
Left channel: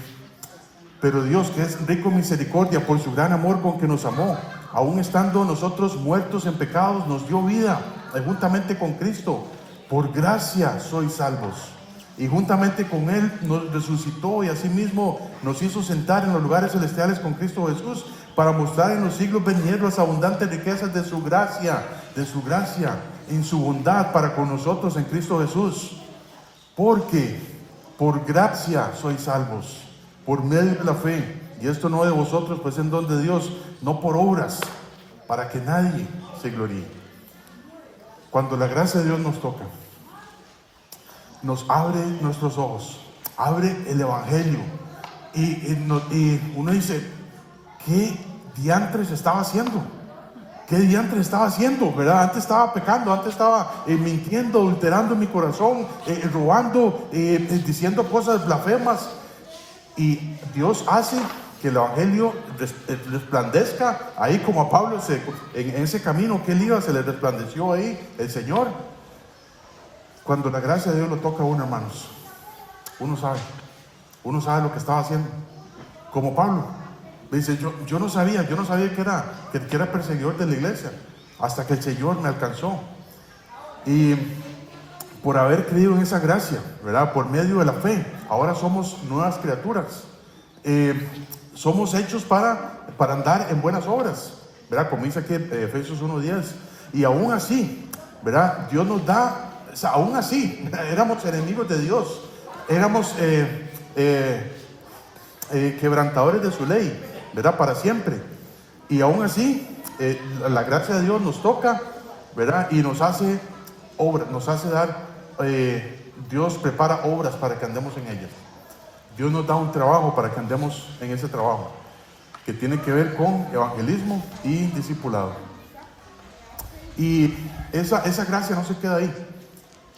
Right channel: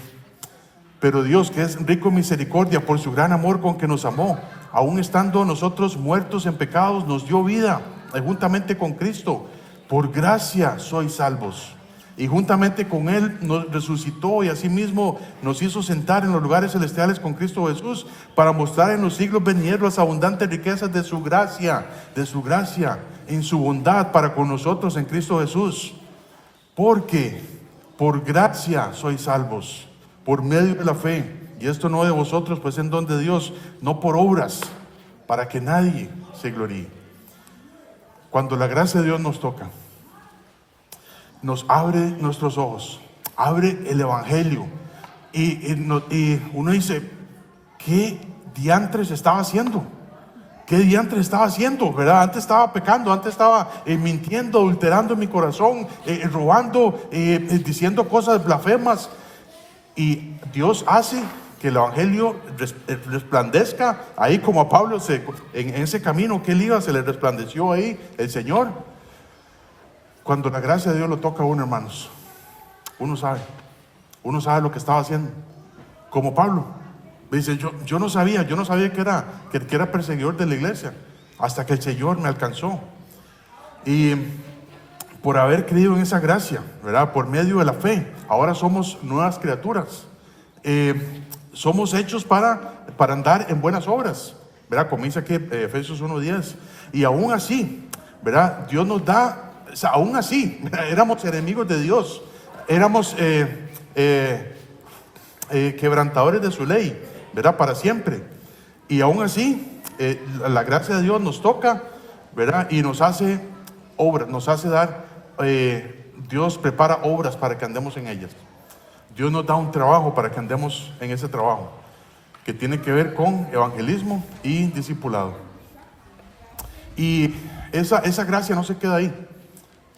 es rico en misericordia, por su gran amor con que nos amó, aun estando nosotros muertos en pecados, nos dio vida juntamente con Cristo. Por gracia sois salvos, y juntamente con Él nos resucitó, y asimismo nos hizo sentar en los lugares celestiales con Cristo Jesús, para mostrar en los siglos venideros las abundantes riquezas de su gracia, en su bondad para con nosotros en Cristo Jesús. Porque por gracia sois salvos, por medio de la fe, y esto no de vosotros, pues en don de Dios, no por obras, para que nadie se gloríe. Cuando la gracia de Dios nos toca, nos abre nuestros ojos, abre el Evangelio, y uno dice: ¿qué diantres estaba haciendo? ¿Verdad? Antes estaba pecando, antes estaba mintiendo, adulterando mi corazón, robando, diciendo cosas blasfemas. Y Dios hace que el Evangelio resplandezca ahí, como a Pablo en ese camino que él iba, se le resplandeció ahí el Señor. Cuando la gracia de Dios lo toca a uno, hermanos, uno sabe lo que estaba haciendo. Como Pablo dice: yo no sabía que era perseguidor de la iglesia, hasta que el Señor me alcanzó. Y por haber creído en esa gracia, ¿verdad? Por medio de la fe. Ahora somos nuevas criaturas. Somos hechos para andar en buenas obras, ¿verdad? Comienza aquí Efesios 1:10. Y aún así, ¿verdad? Dios nos da, o sea, aún así, ¿verdad? Éramos enemigos de Dios, éramos quebrantadores de su ley, ¿verdad? Para siempre. Y aún así, la gracia de Dios nos toca, ¿verdad? Y nos hace obras, nos hace dar, Dios prepara obras para que andemos en ellas. Dios nos da un trabajo para que andemos en ese trabajo, que tiene que ver con evangelismo y discipulado. Y esa gracia no se queda ahí.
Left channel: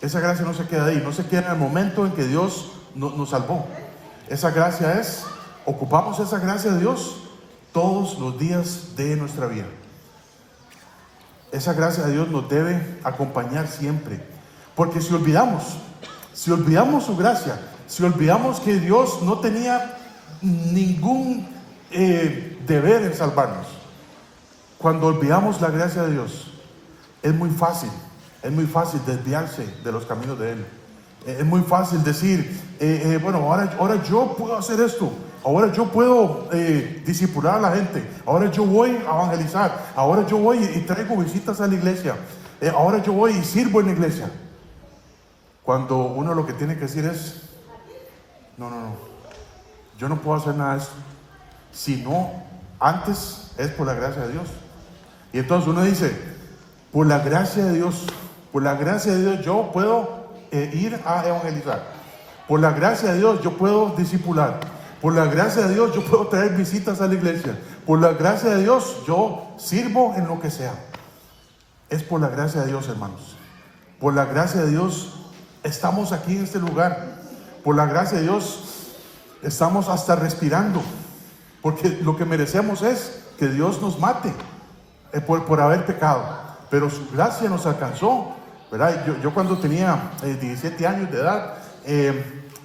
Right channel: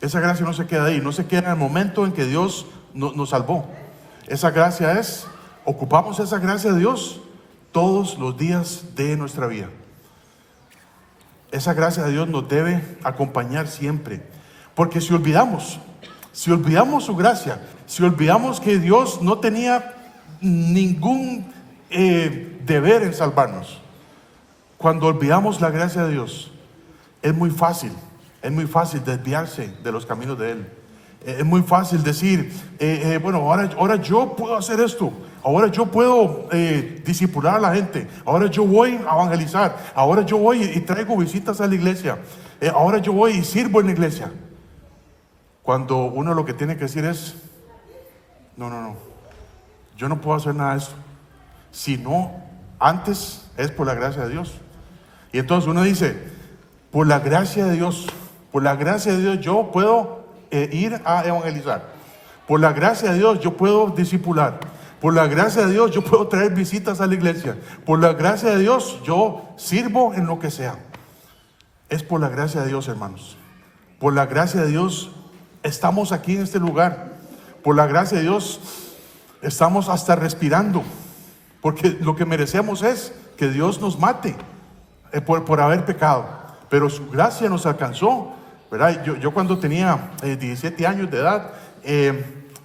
Esa gracia no se queda ahí, no se queda en el momento en que Dios nos salvó. Esa gracia es, ocupamos esa gracia de Dios todos los días de nuestra vida. Esa gracia de Dios nos debe acompañar siempre. Porque si olvidamos su gracia, si olvidamos que Dios no tenía ningún deber en salvarnos, cuando olvidamos la gracia de Dios, es muy fácil desviarse de los caminos de Él. Es muy fácil decir, bueno, ahora yo puedo hacer esto, ahora yo puedo discipular a la gente, ahora yo voy a evangelizar, ahora yo voy y traigo visitas a la iglesia, ahora yo voy y sirvo en la iglesia. Cuando uno lo que tiene que decir es, no, yo no puedo hacer nada de eso, sino antes es por la gracia de Dios. Y entonces uno dice, por la gracia de Dios yo puedo ir a evangelizar. Por la gracia de Dios yo puedo discipular. Por la gracia de Dios yo puedo traer visitas a la iglesia. Por la gracia de Dios yo sirvo en lo que sea. Es por la gracia de Dios, hermanos. Por la gracia de Dios estamos aquí en este lugar. Por la gracia de Dios estamos hasta respirando. Porque lo que merecemos es que Dios nos mate por haber pecado. Pero su gracia nos alcanzó, ¿verdad? Yo cuando tenía 17 años de edad,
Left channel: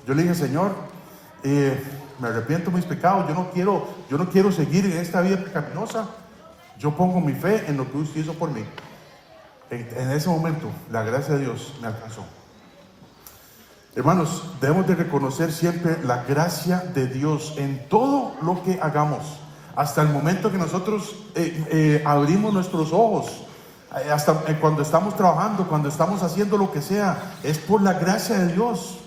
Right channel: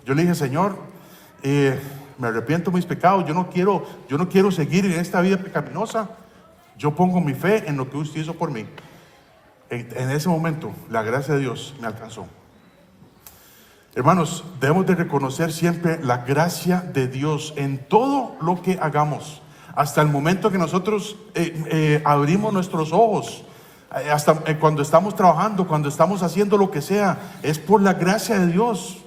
yo le dije, Señor, me arrepiento de mis pecados, yo no quiero seguir en esta vida pecaminosa. Yo pongo mi fe en lo que usted hizo por mí. En ese momento, la gracia de Dios me alcanzó. Hermanos, debemos de reconocer siempre la gracia de Dios en todo lo que hagamos. Hasta el momento que nosotros abrimos nuestros ojos, hasta cuando estamos trabajando, cuando estamos haciendo lo que sea, es por la gracia de Dios.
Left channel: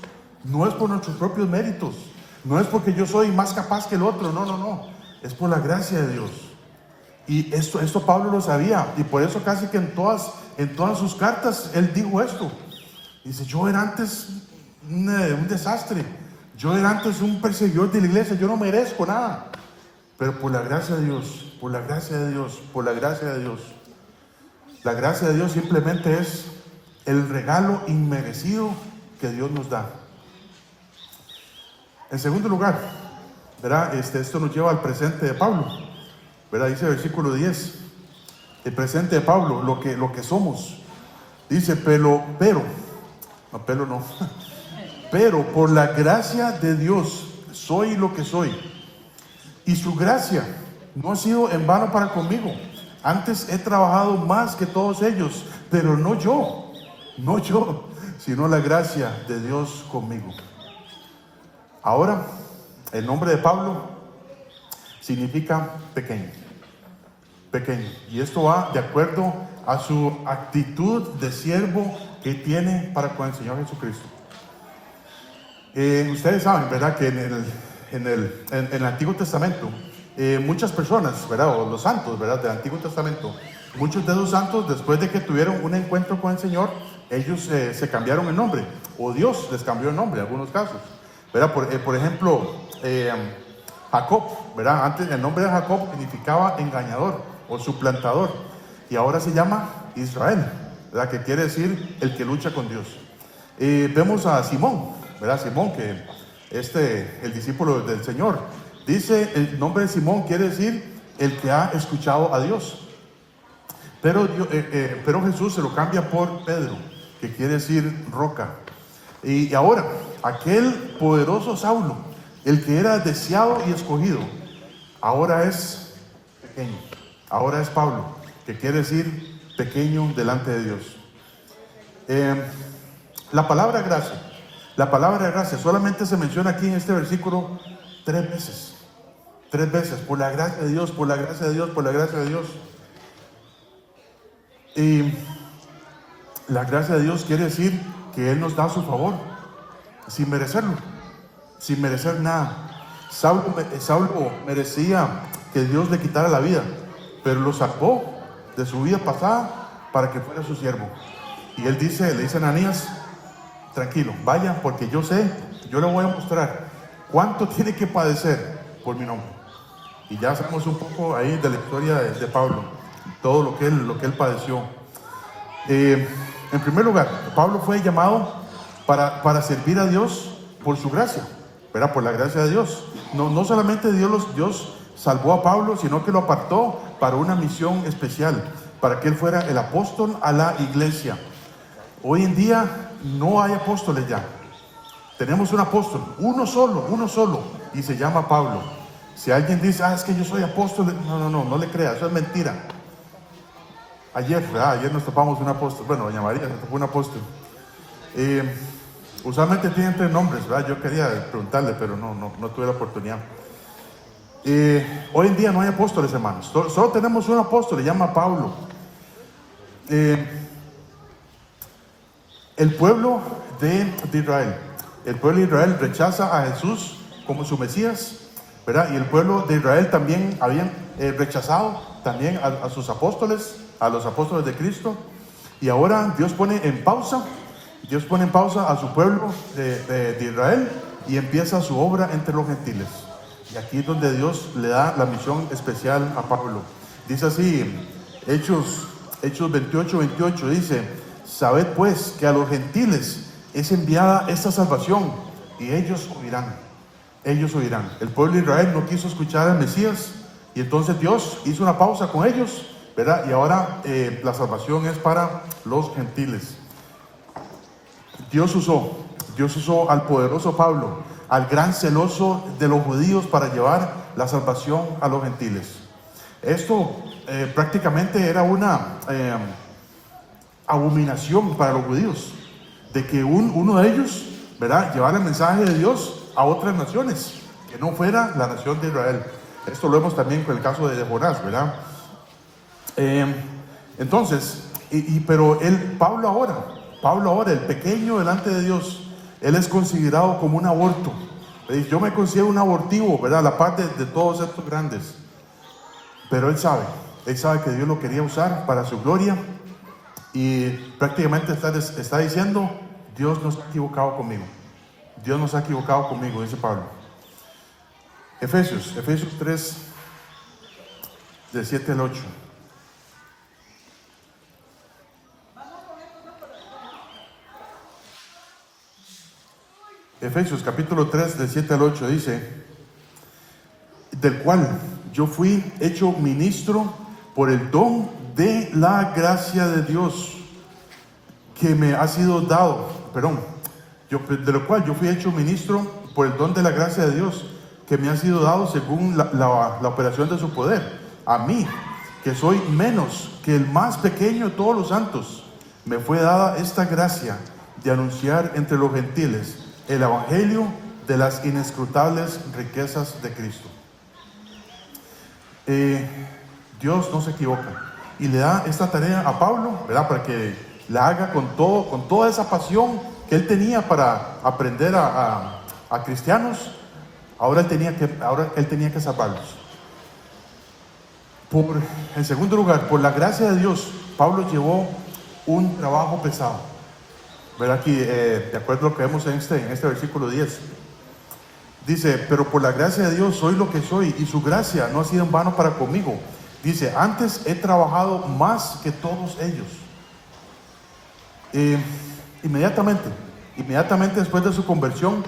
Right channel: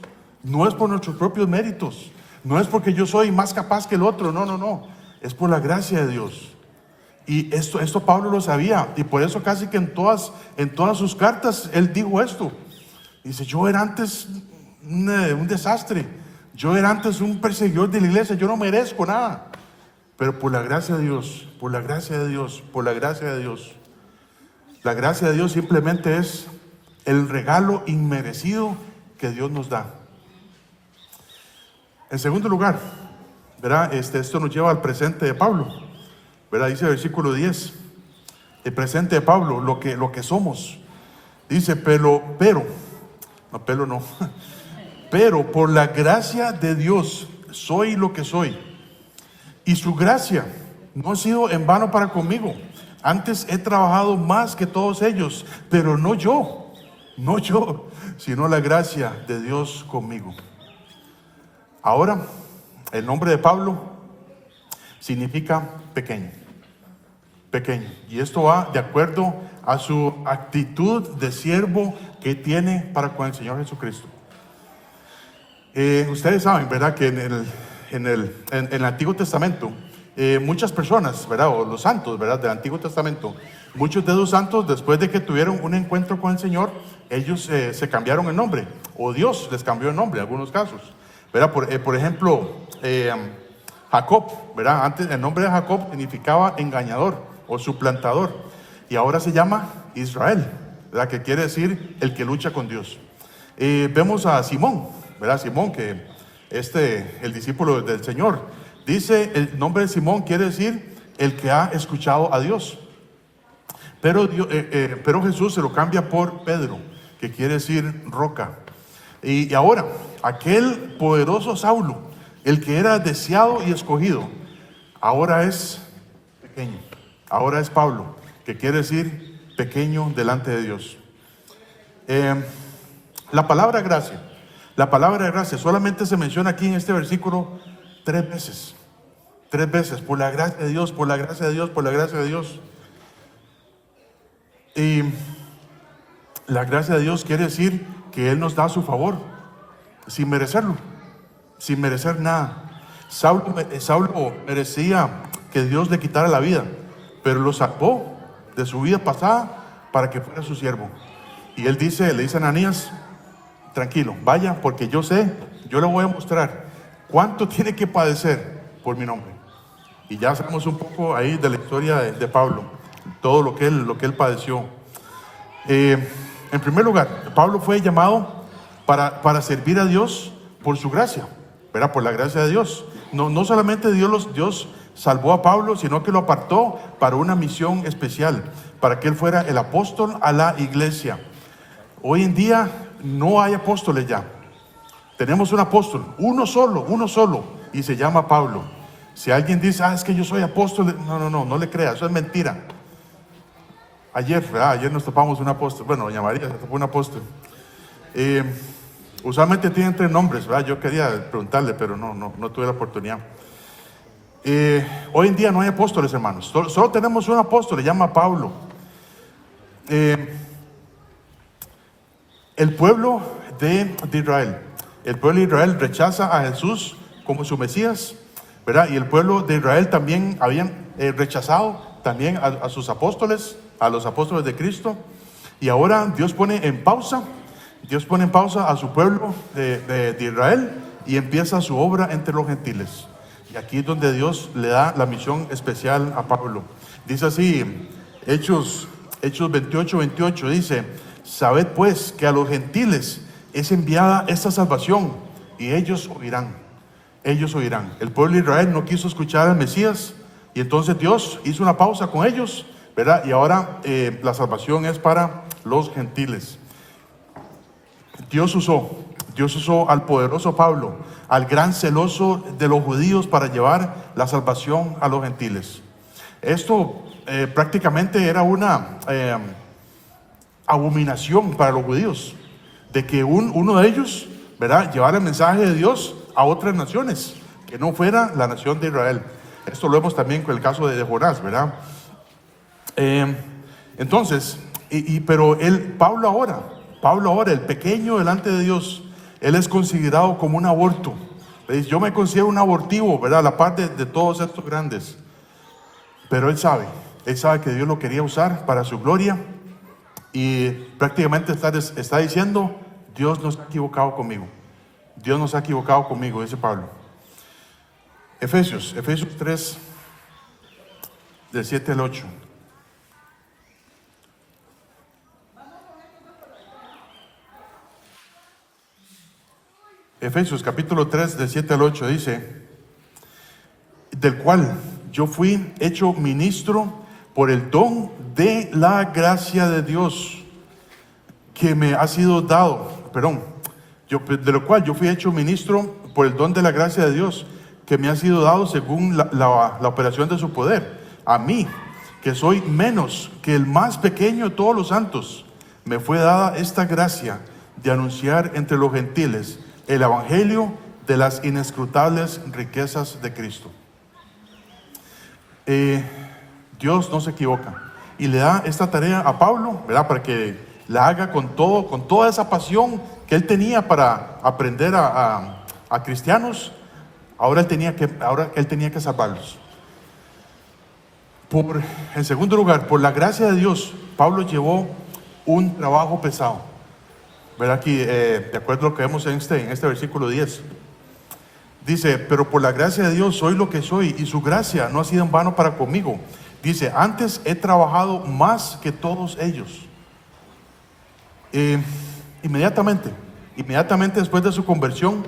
No es por nuestros propios méritos, no es porque yo soy más capaz que el otro, no, es por la gracia de Dios. Y esto Pablo lo sabía, y por eso casi que en todas sus cartas él dijo esto. Dice, yo era antes un desastre, yo era antes un perseguidor de la iglesia, yo no merezco nada, pero por la gracia de Dios, por la gracia de Dios, por la gracia de Dios. La gracia de Dios simplemente es el regalo inmerecido que Dios nos da. En segundo lugar, ¿verdad? Esto nos lleva al presente de Pablo, ¿verdad? Dice el versículo 10, el presente de Pablo, lo que somos. Dice, pero por la gracia de Dios soy lo que soy. Y su gracia no ha sido en vano para conmigo. Antes he trabajado más que todos ellos, pero no yo, sino la gracia de Dios conmigo. Ahora, el nombre de Pablo significa pequeño. Y esto va de acuerdo a su actitud de siervo que tiene para con el Señor Jesucristo. Ustedes saben, ¿verdad?, que en el Antiguo Testamento, muchas personas, ¿verdad?, o los santos, ¿verdad?, del Antiguo Testamento, muchos de los santos, después de que tuvieron un encuentro con el Señor, ellos se cambiaron el nombre, o Dios les cambió el nombre en algunos casos, ¿verdad? Por ejemplo, Jacob, ¿verdad? Antes el nombre de Jacob significaba engañador o suplantador, y ahora se llama Israel, ¿verdad?, que quiere decir el que lucha con Dios. Vemos a Simón, ¿verdad? Simón, que el discípulo del Señor, dice, el nombre de Simón quiere decir el que ha escuchado a Dios. Pero Jesús se lo cambia por Pedro, que quiere decir roca. Y ahora, aquel poderoso Saulo, el que era deseado y escogido, ahora es pequeño. Ahora es Pablo, que quiere decir pequeño delante de Dios. La palabra gracia solamente se menciona aquí en este versículo 3 veces. 3 veces, por la gracia de Dios, por la gracia de Dios, por la gracia de Dios. Y la gracia de Dios quiere decir que Él nos da a su favor, sin merecerlo, sin merecer nada. Saulo merecía que Dios le quitara la vida, pero lo sacó de su vida pasada para que fuera su siervo. Y él le dice a Ananías, tranquilo, vaya, porque yo le voy a mostrar cuánto tiene que padecer por mi nombre. Y ya sabemos un poco ahí de la historia de Pablo, todo lo que él padeció. En primer lugar, Pablo fue llamado para servir a Dios por su gracia, ¿verdad? Por la gracia de Dios. No solamente Dios salvó a Pablo, sino que lo apartó para una misión especial, para que él fuera el apóstol a la iglesia. Hoy en día no hay apóstoles ya. Tenemos un apóstol, uno solo, y se llama Pablo. Si alguien dice, es que yo soy apóstol, no le crea, eso es mentira. Ayer nos topamos un apóstol, bueno, doña María nos topó un apóstol. Usualmente tienen 3 nombres, ¿verdad? Yo quería preguntarle, pero no tuve la oportunidad. Hoy en día no hay apóstoles, hermanos. Solo tenemos un apóstol, se llama Pablo. El pueblo de Israel rechaza a Jesús como su Mesías, ¿verdad? Y el pueblo de Israel también habían rechazado también a sus apóstoles, a los apóstoles de Cristo. Y ahora Dios pone en pausa a su pueblo de Israel y empieza su obra entre los gentiles. Y aquí es donde Dios le da la misión especial a Pablo. Dice así, Hechos 28, dice, sabed pues que a los gentiles es enviada esta salvación y ellos oirán. El pueblo de Israel no quiso escuchar al Mesías y entonces Dios hizo una pausa con ellos, ¿verdad? Y ahora la salvación es para los gentiles. Dios usó al poderoso Pablo, al gran celoso de los judíos, para llevar la salvación a los gentiles. Esto prácticamente era una abominación para los judíos, de que uno de ellos, ¿verdad?, llevara el mensaje de Dios a otras naciones, que no fuera la nación de Israel. Esto lo vemos también con el caso de Jonás, ¿verdad? Entonces, pero Pablo ahora, el pequeño delante de Dios, él es considerado como un aborto. Yo me considero un abortivo, ¿verdad?, a la par de todos estos grandes. Pero él sabe que Dios lo quería usar para su gloria. Y prácticamente está diciendo, Dios no se ha equivocado conmigo. Dice Pablo. Efesios 3, del 7 al 8. Efesios capítulo 3, del 7 al 8 dice, del cual yo fui hecho ministro por el don de la gracia de Dios que me ha sido dado, de lo cual yo fui hecho ministro por el don de la gracia de Dios que me ha sido dado según la operación de su poder. A mí, que soy menos que el más pequeño de todos los santos, me fue dada esta gracia de anunciar entre los gentiles el evangelio de las inescrutables riquezas de Cristo. Dios no se equivoca y le da esta tarea a Pablo, ¿verdad?, para que la haga con toda esa pasión que él tenía para aprender a cristianos. Ahora él tenía que salvarlos. En segundo lugar, por la gracia de Dios, Pablo llevó un trabajo pesado, ¿verdad? Aquí, de acuerdo a lo que vemos en este versículo 10, dice, pero por la gracia de Dios soy lo que soy, y su gracia no ha sido en vano para conmigo. Dice, antes he trabajado más que todos ellos. Inmediatamente después de su conversión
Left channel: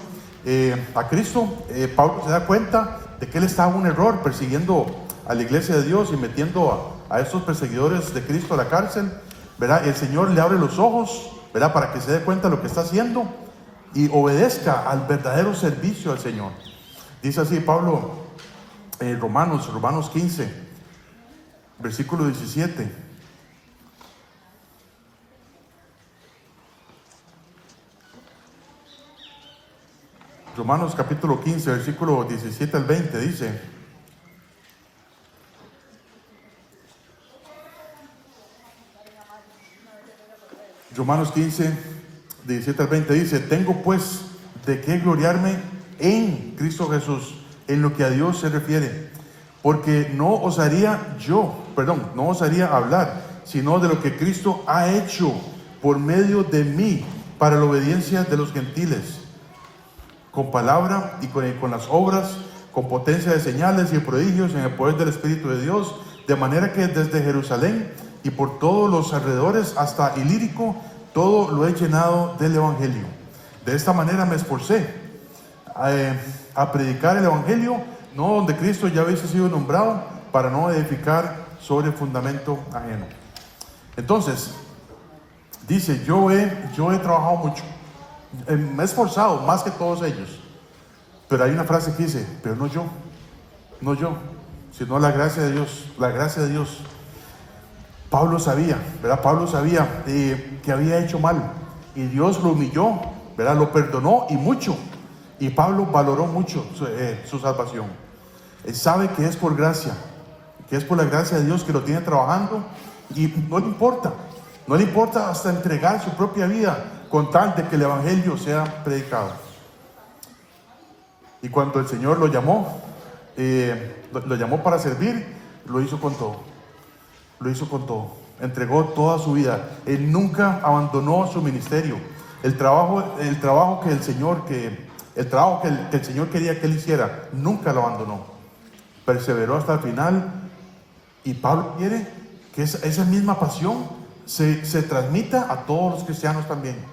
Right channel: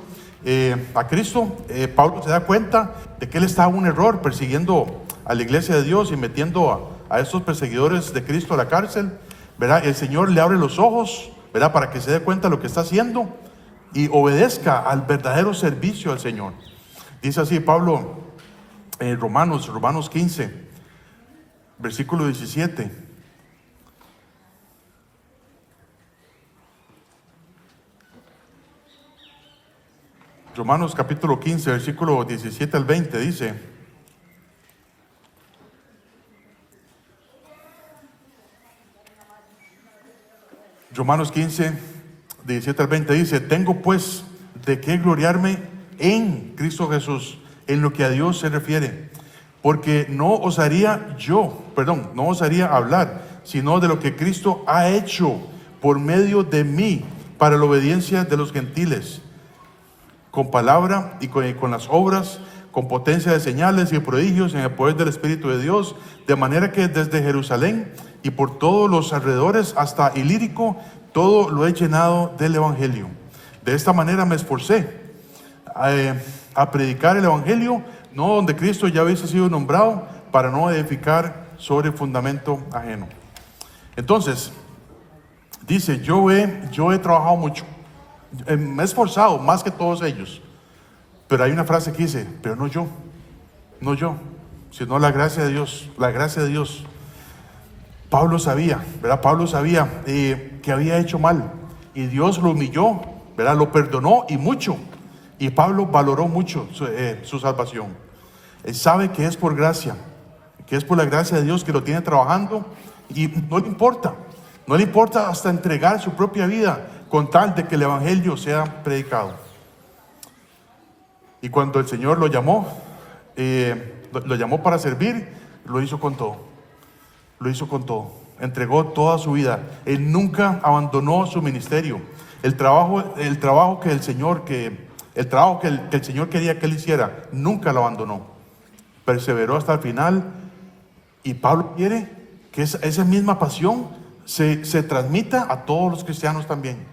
a Cristo, Pablo se da cuenta de que él estaba en un error, persiguiendo a la iglesia de Dios y metiendo a estos perseguidores de Cristo a la cárcel, ¿verdad? El Señor le abre los ojos, ¿verdad?, para que se dé cuenta de lo que está haciendo y obedezca al verdadero servicio al Señor. Dice así Pablo en Romanos 15, versículo 17. Romanos capítulo 15, versículo 17 al 20 dice: Romanos 15, 17 al 20 dice: tengo pues de qué gloriarme en Cristo Jesús, en lo que a Dios se refiere, porque no osaría hablar, sino de lo que Cristo ha hecho por medio de mí, para la obediencia de los gentiles, con palabra y con las obras, con potencia de señales y prodigios en el poder del Espíritu de Dios, de manera que desde Jerusalén y por todos los alrededores hasta Ilírico, todo lo he llenado del Evangelio. De esta manera me esforcé a predicar el Evangelio, no donde Cristo ya hubiese sido nombrado, para no edificar sobre fundamento ajeno. Entonces, dice: yo he trabajado mucho, me he esforzado más que todos ellos. Pero hay una frase que dice: pero no yo, sino la gracia de Dios, la gracia de Dios. Pablo sabía, ¿verdad? Pablo sabía que había hecho mal, y Dios lo humilló, ¿verdad? Lo perdonó, y mucho. Y Pablo valoró mucho su salvación. Él sabe que es por gracia, que es por la gracia de Dios que lo tiene trabajando, y no le importa hasta entregar su propia vida con tal de que el Evangelio sea predicado. Y cuando el Señor lo llamó para servir, lo hizo con todo. Lo hizo con todo. Entregó toda su vida. Él nunca abandonó su ministerio. El trabajo que el Señor quería que él hiciera, nunca lo abandonó. Perseveró hasta el final. Y Pablo quiere que esa misma pasión se transmita a todos los cristianos también.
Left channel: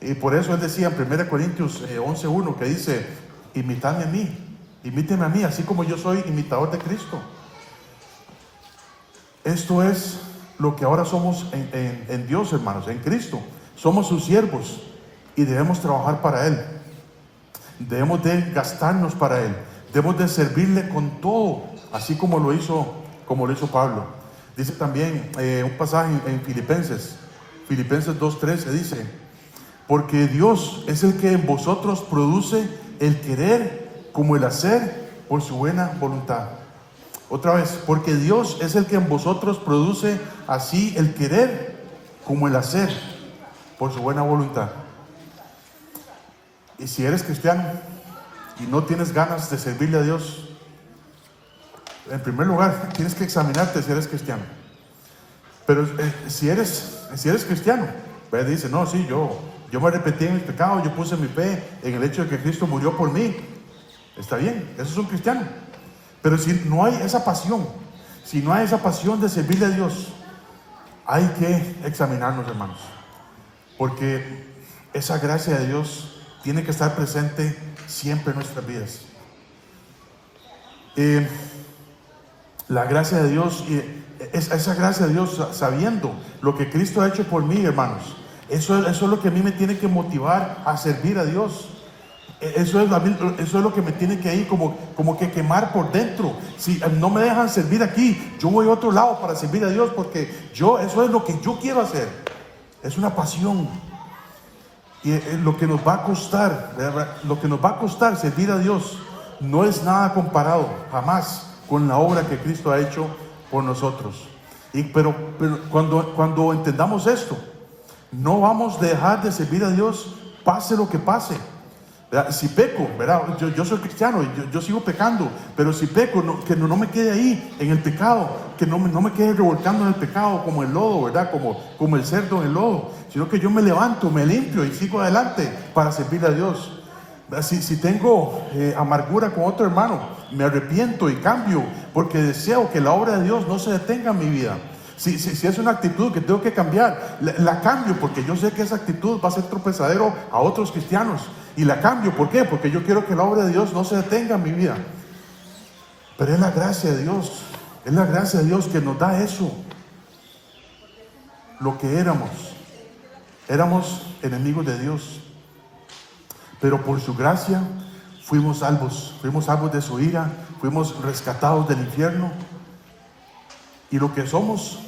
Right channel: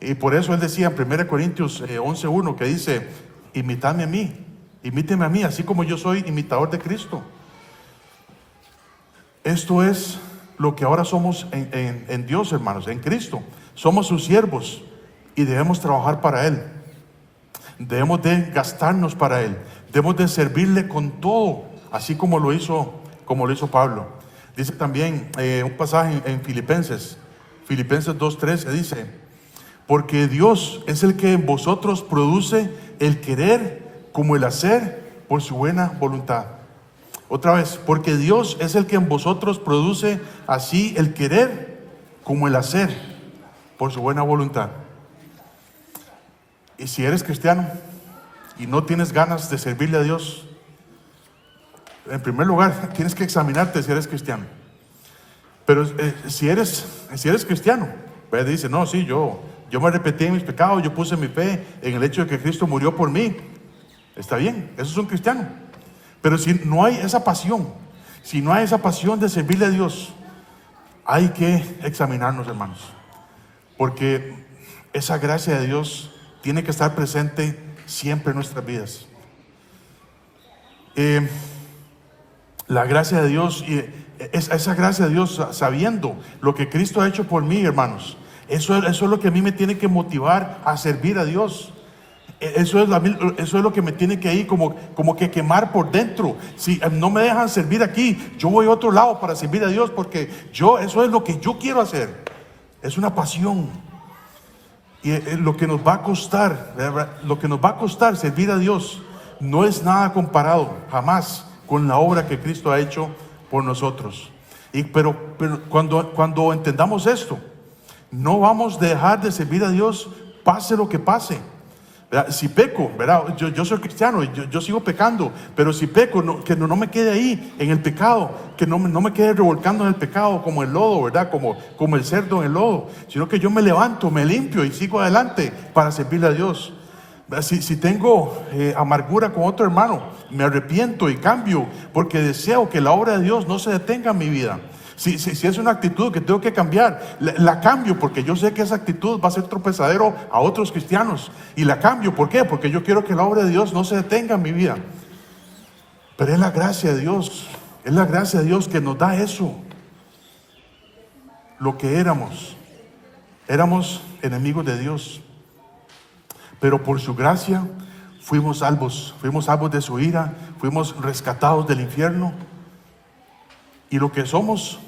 Y por eso él decía en 1 Corintios 11:1, que dice: imítame a mí, imíteme a mí, así como yo soy imitador de Cristo. Esto es lo que ahora somos en Dios, hermanos, en Cristo. Somos sus siervos y debemos trabajar para Él. Debemos de gastarnos para Él. Debemos de servirle con todo, así como lo hizo Pablo. Dice también un pasaje en Filipenses 2:13, dice: porque Dios es el que en vosotros produce el querer como el hacer por su buena voluntad. Otra vez: porque Dios es el que en vosotros produce así el querer como el hacer por su buena voluntad. Y si eres cristiano y no tienes ganas de servirle a Dios, en primer lugar tienes que examinarte si eres cristiano. Pero si eres cristiano, pues dice: no, sí, yo me arrepentí en mis pecados, yo puse mi fe en el hecho de que Cristo murió por mí. Está bien, eso es un cristiano. Pero si no hay esa pasión, de servirle a Dios, hay que examinarnos, hermanos. Porque esa gracia de Dios tiene que estar presente siempre en nuestras vidas. La gracia de Dios, esa gracia de Dios, sabiendo lo que Cristo ha hecho por mí, hermanos, eso es lo que a mí me tiene que motivar a servir a Dios. Eso es lo que me tiene que ir como que quemar por dentro. Si no me dejan servir aquí, yo voy a otro lado para servir a Dios, porque eso es lo que yo quiero hacer. Es una pasión. Y lo que nos va a costar, servir a Dios, no es nada comparado jamás con la obra que Cristo ha hecho por nosotros. Pero cuando entendamos esto, no vamos a dejar de servir a Dios, pase lo que pase. ¿Verdad? Si peco, ¿verdad? Yo soy cristiano, yo sigo pecando, pero si peco, que no me quede ahí en el pecado, que no me quede revolcando en el pecado como el lodo, ¿verdad? Como el cerdo en el lodo, sino que yo me levanto, me limpio y sigo adelante para servirle a Dios. Si tengo amargura con otro hermano, me arrepiento y cambio, porque deseo que la obra de Dios no se detenga en mi vida. Si es una actitud que tengo que cambiar, la cambio, porque yo sé que esa actitud va a ser tropezadero a otros cristianos. Y la cambio, ¿por qué? Porque yo quiero que la obra de Dios no se detenga en mi vida. Pero es la gracia de Dios. Es la gracia de Dios que nos da eso. Lo que éramos. Éramos enemigos de Dios. Pero por su gracia fuimos salvos. Fuimos salvos de su ira. Fuimos rescatados del infierno. Y lo que somos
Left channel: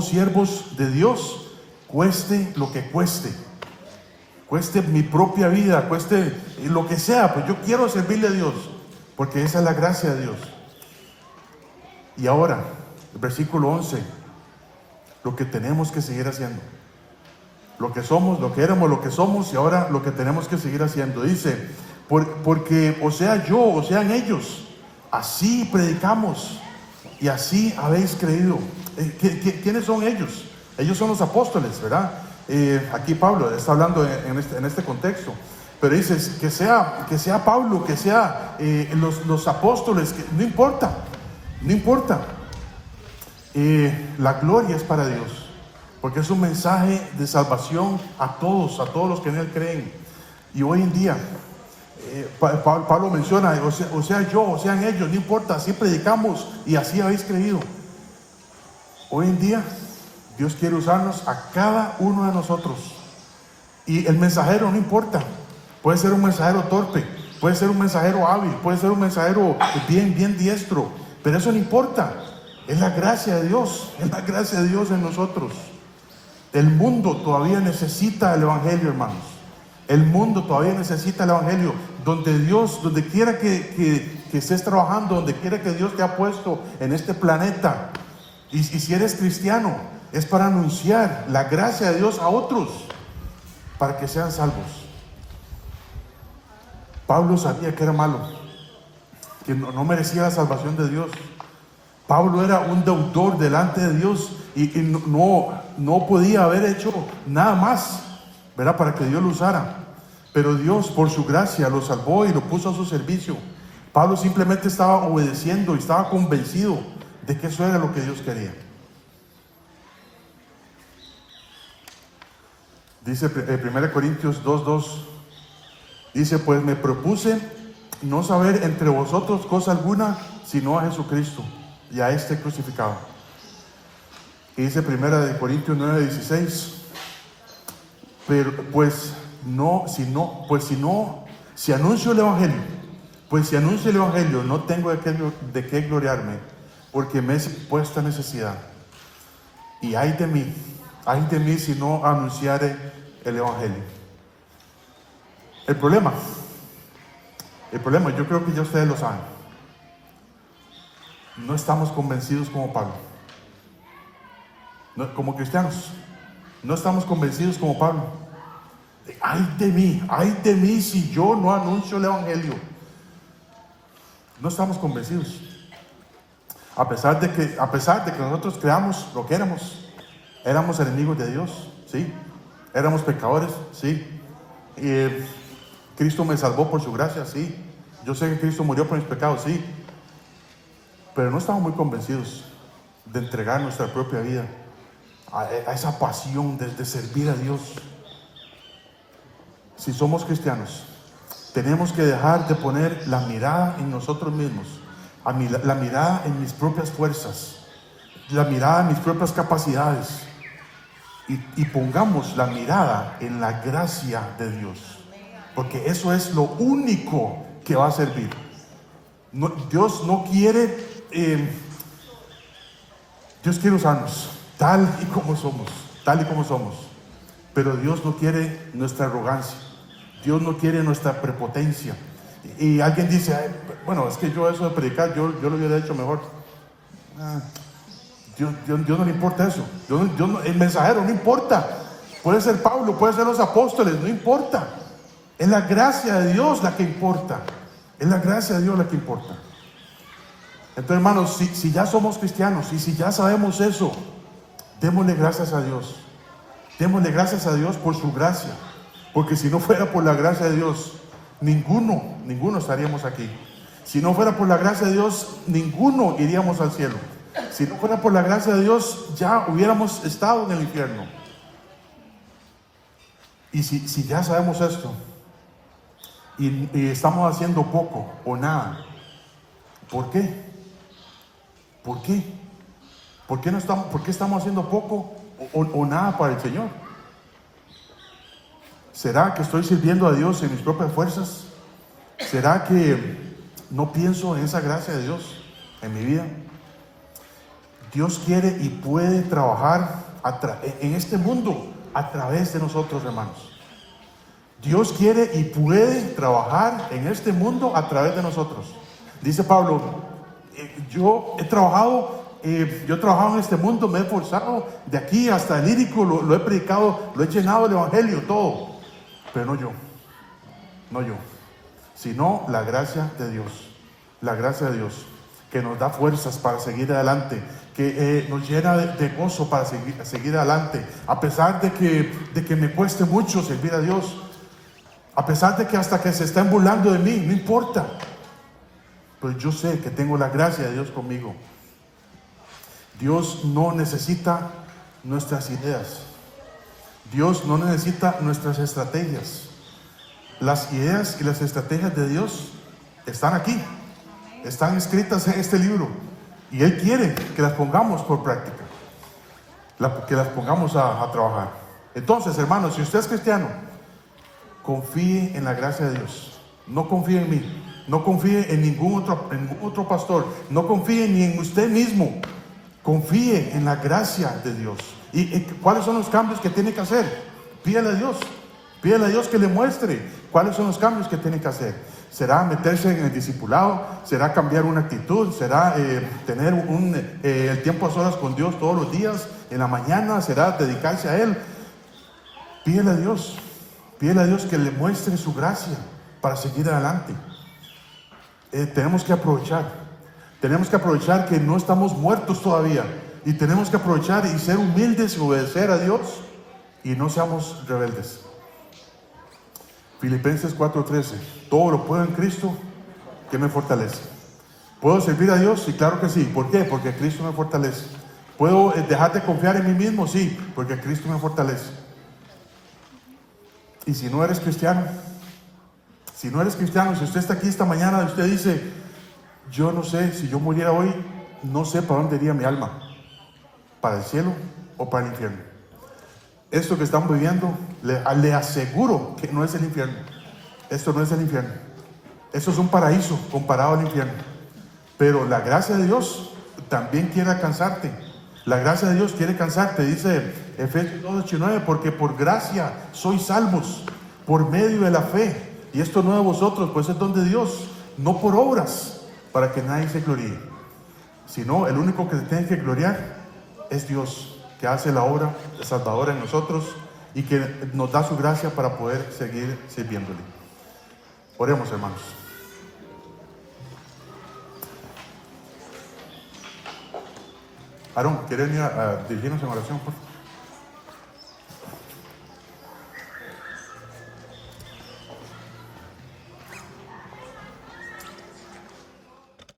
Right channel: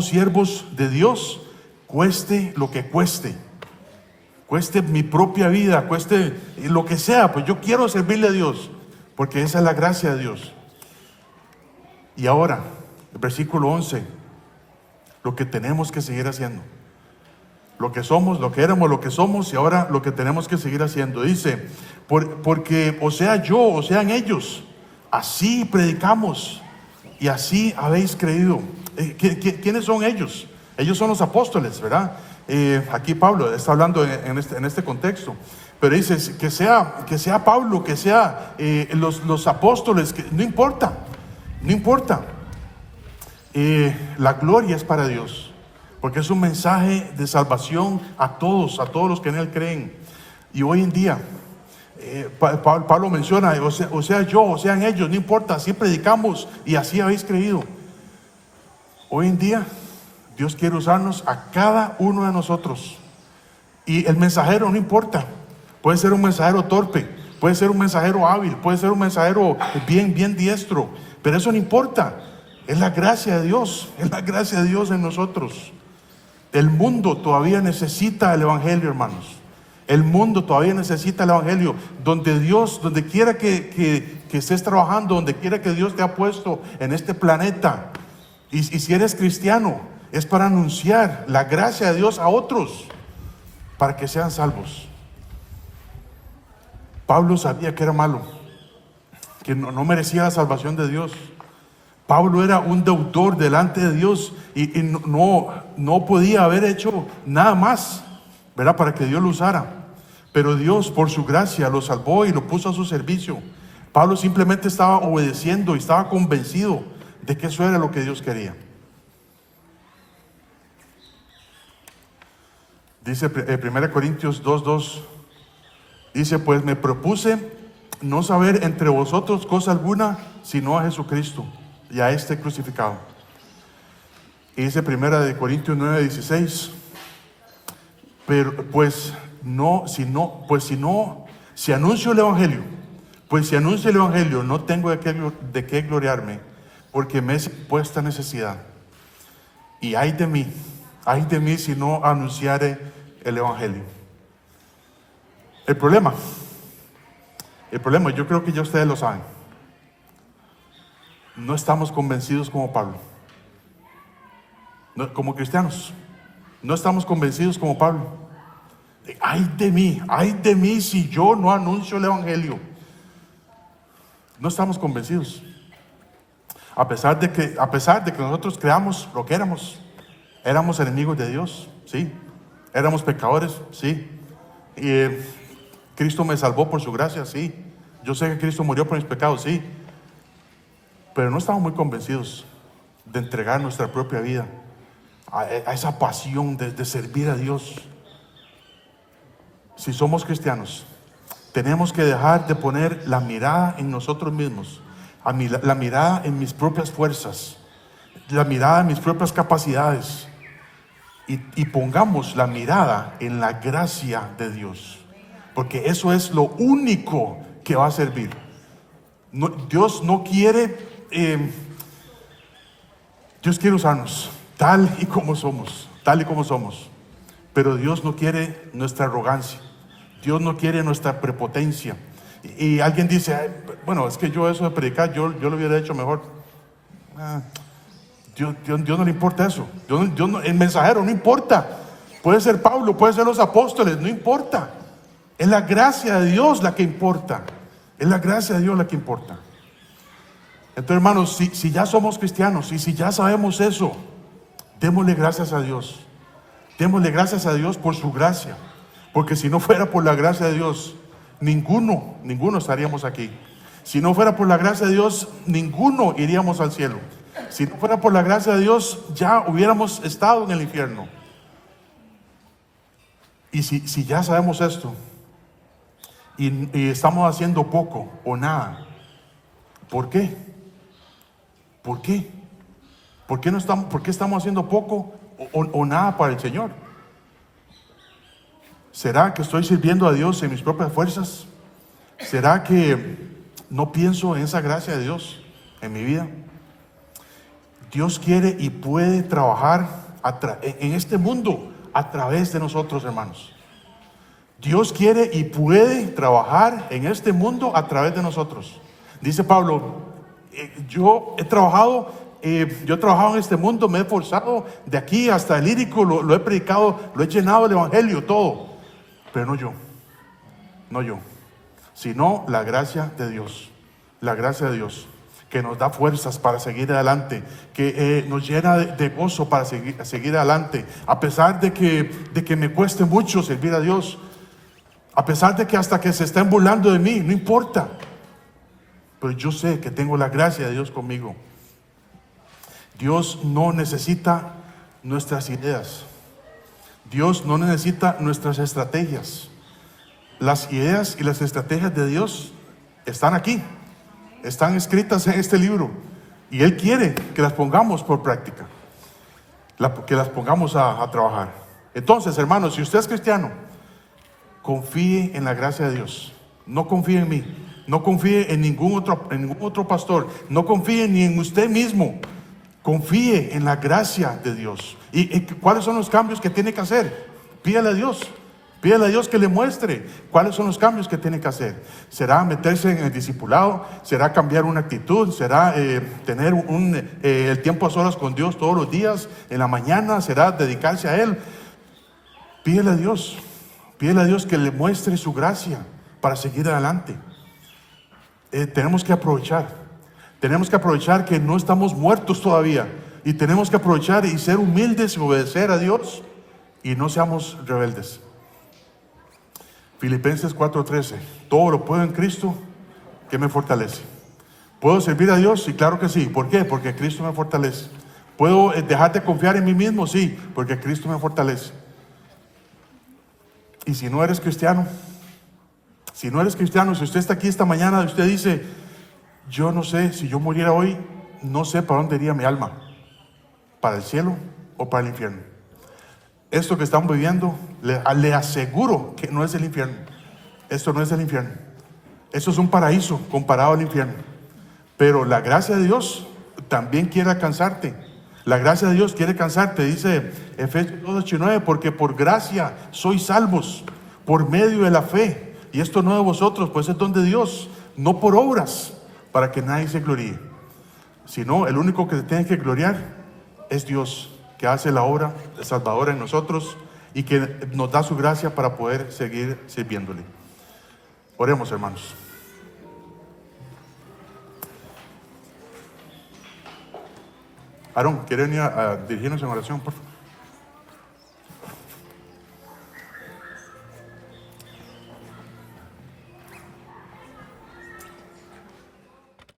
siervos de Dios, cueste lo que cueste. cueste mi propia vida, cueste lo que sea, pues yo quiero servirle a Dios, porque esa es la gracia de Dios. Y ahora, el versículo 11, lo que tenemos que seguir haciendo. Lo que somos, lo que éramos, lo que somos, y ahora lo que tenemos que seguir haciendo. Dice, porque o sea yo, o sean ellos, así predicamos y así habéis creído. ¿Quiénes son ellos? Ellos son los apóstoles, ¿verdad? Aquí Pablo está hablando en este contexto. Pero dice que sea Pablo, que sea los apóstoles, que no importa, no importa. La gloria es para Dios. Porque es un mensaje de salvación a todos los que en Él creen. Y hoy en día, Pablo menciona, o sea yo, o sean ellos, no importa, así predicamos y así habéis creído. Hoy en día, Dios quiere usarnos a cada uno de nosotros. Y el mensajero no importa. Puede ser un mensajero torpe, puede ser un mensajero hábil, puede ser un mensajero bien diestro. Pero eso no importa. Es la gracia de Dios, es la gracia de Dios en nosotros. El mundo todavía necesita el Evangelio, hermanos. El mundo todavía necesita el Evangelio. Donde quiera que estés trabajando, donde quiera que Dios te ha puesto en este planeta. Y si eres cristiano, es para anunciar la gracia de Dios a otros, para que sean salvos. Pablo sabía que era malo, que no merecía la salvación de Dios. Pablo era un deudor delante de Dios y no podía haber hecho nada más, ¿verdad?, para que Dios lo usara. Pero Dios, por su gracia, lo salvó y lo puso a su servicio. Pablo simplemente estaba obedeciendo y estaba convencido de que eso era lo que Dios quería. Dice 1 Corintios 2:2, dice, pues me propuse no saber entre vosotros cosa alguna, sino a Jesucristo y a este crucificado. Y dice 1 Corintios 9:16, pero si anuncio el Evangelio, no tengo de qué gloriarme, porque me es puesta necesidad. Y ay de mí si no anunciare el Evangelio. El problema, yo creo que ya ustedes lo saben. No estamos convencidos como Pablo. Como cristianos, no estamos convencidos como Pablo. Ay de mí si yo no anuncio el Evangelio. No estamos convencidos. A pesar de que nosotros creamos lo que éramos enemigos de Dios, sí. Éramos pecadores, sí. Y Cristo me salvó por su gracia, sí. Yo sé que Cristo murió por mis pecados, sí. Pero no estamos muy convencidos de entregar nuestra propia vida a esa pasión de servir a Dios. Si somos cristianos, tenemos que dejar de poner la mirada en nosotros mismos, la mirada en mis propias fuerzas, la mirada en mis propias capacidades, y pongamos la mirada en la gracia de Dios, porque eso es lo único que va a servir. Dios no quiere, Dios quiere usarnos tal y como somos, pero Dios no quiere nuestra arrogancia, Dios no quiere nuestra prepotencia. Y alguien dice, bueno, es que yo eso de predicar, yo lo hubiera hecho mejor. Dios no le importa eso. El mensajero no importa. Puede ser Pablo, puede ser los apóstoles, no importa. Es la gracia de Dios la que importa. Es la gracia de Dios la que importa. Entonces, hermanos, si ya somos cristianos y si ya sabemos eso, démosle gracias a Dios. Démosle gracias a Dios por su gracia. Porque si no fuera por la gracia de Dios, ninguno estaríamos aquí. Si no fuera por la gracia de Dios, ninguno iríamos al cielo. Si no fuera por la gracia de Dios, ya hubiéramos estado en el infierno. Y si ya sabemos esto, y estamos haciendo poco o nada, ¿por qué? ¿Por qué? ¿Por qué estamos haciendo poco o nada para el Señor? ¿Será que estoy sirviendo a Dios en mis propias fuerzas? ¿Será que no pienso en esa gracia de Dios en mi vida? Dios quiere y puede trabajar en este mundo a través de nosotros, hermanos. Dios quiere y puede trabajar en este mundo a través de nosotros. Dice Pablo, yo he trabajado en este mundo, me he esforzado de aquí hasta el Ilírico, lo he predicado, lo he llenado el evangelio, todo. Pero no yo, sino la gracia de Dios. La gracia de Dios, que nos da fuerzas para seguir adelante, que nos llena de gozo para seguir adelante, a pesar de que me cueste mucho servir a Dios, a pesar de que hasta que se estén burlando de mí, no importa, pero yo sé que tengo la gracia de Dios conmigo. Dios no necesita nuestras ideas, Dios no necesita nuestras estrategias. Las ideas y las estrategias de Dios están aquí, están escritas en este libro, y Él quiere que las pongamos por práctica, que las pongamos a trabajar. Entonces, hermanos, si usted es cristiano, confíe en la gracia de Dios. No confíe en mí, no confíe en ningún otro pastor, no confíe ni en usted mismo. Confíe en la gracia de Dios. ¿Y cuáles son los cambios que tiene que hacer? Pídale a Dios. Pídale a Dios que le muestre cuáles son los cambios que tiene que hacer. ¿Será meterse en el discipulado? ¿Será cambiar una actitud? ¿Será tener el tiempo a solas con Dios todos los días? ¿En la mañana? ¿Será dedicarse a Él? Pídele a Dios. Pídele a Dios que le muestre su gracia para seguir adelante. Tenemos que aprovechar. Tenemos que aprovechar que no estamos muertos todavía. Y tenemos que aprovechar y ser humildes y obedecer a Dios. Y no seamos rebeldes. Filipenses 4:13. Todo lo puedo en Cristo que me fortalece. ¿Puedo servir a Dios? Sí, claro que sí. ¿Por qué? Porque Cristo me fortalece. ¿Puedo dejar de confiar en mí mismo? Sí, porque Cristo me fortalece. Y si no eres cristiano, si usted está aquí esta mañana y usted dice, yo no sé, si yo muriera hoy, no sé para dónde iría mi alma, para el cielo o para el infierno. Esto que estamos viviendo, le aseguro que no es el infierno. Esto no es el infierno. Eso es un paraíso comparado al infierno. Pero la gracia de Dios también quiere alcanzarte. La gracia de Dios quiere alcanzarte, dice Efesios 2:8-9, porque por gracia sois salvos, por medio de la fe. Y esto no de vosotros, pues es don de Dios, no por obras, para que nadie se gloríe. Sino el único que se tiene que gloriar es Dios, que hace la obra salvadora en nosotros y que nos da su gracia para poder seguir sirviéndole. Oremos, hermanos. Aarón, ¿quieren dirigirnos en oración, por favor?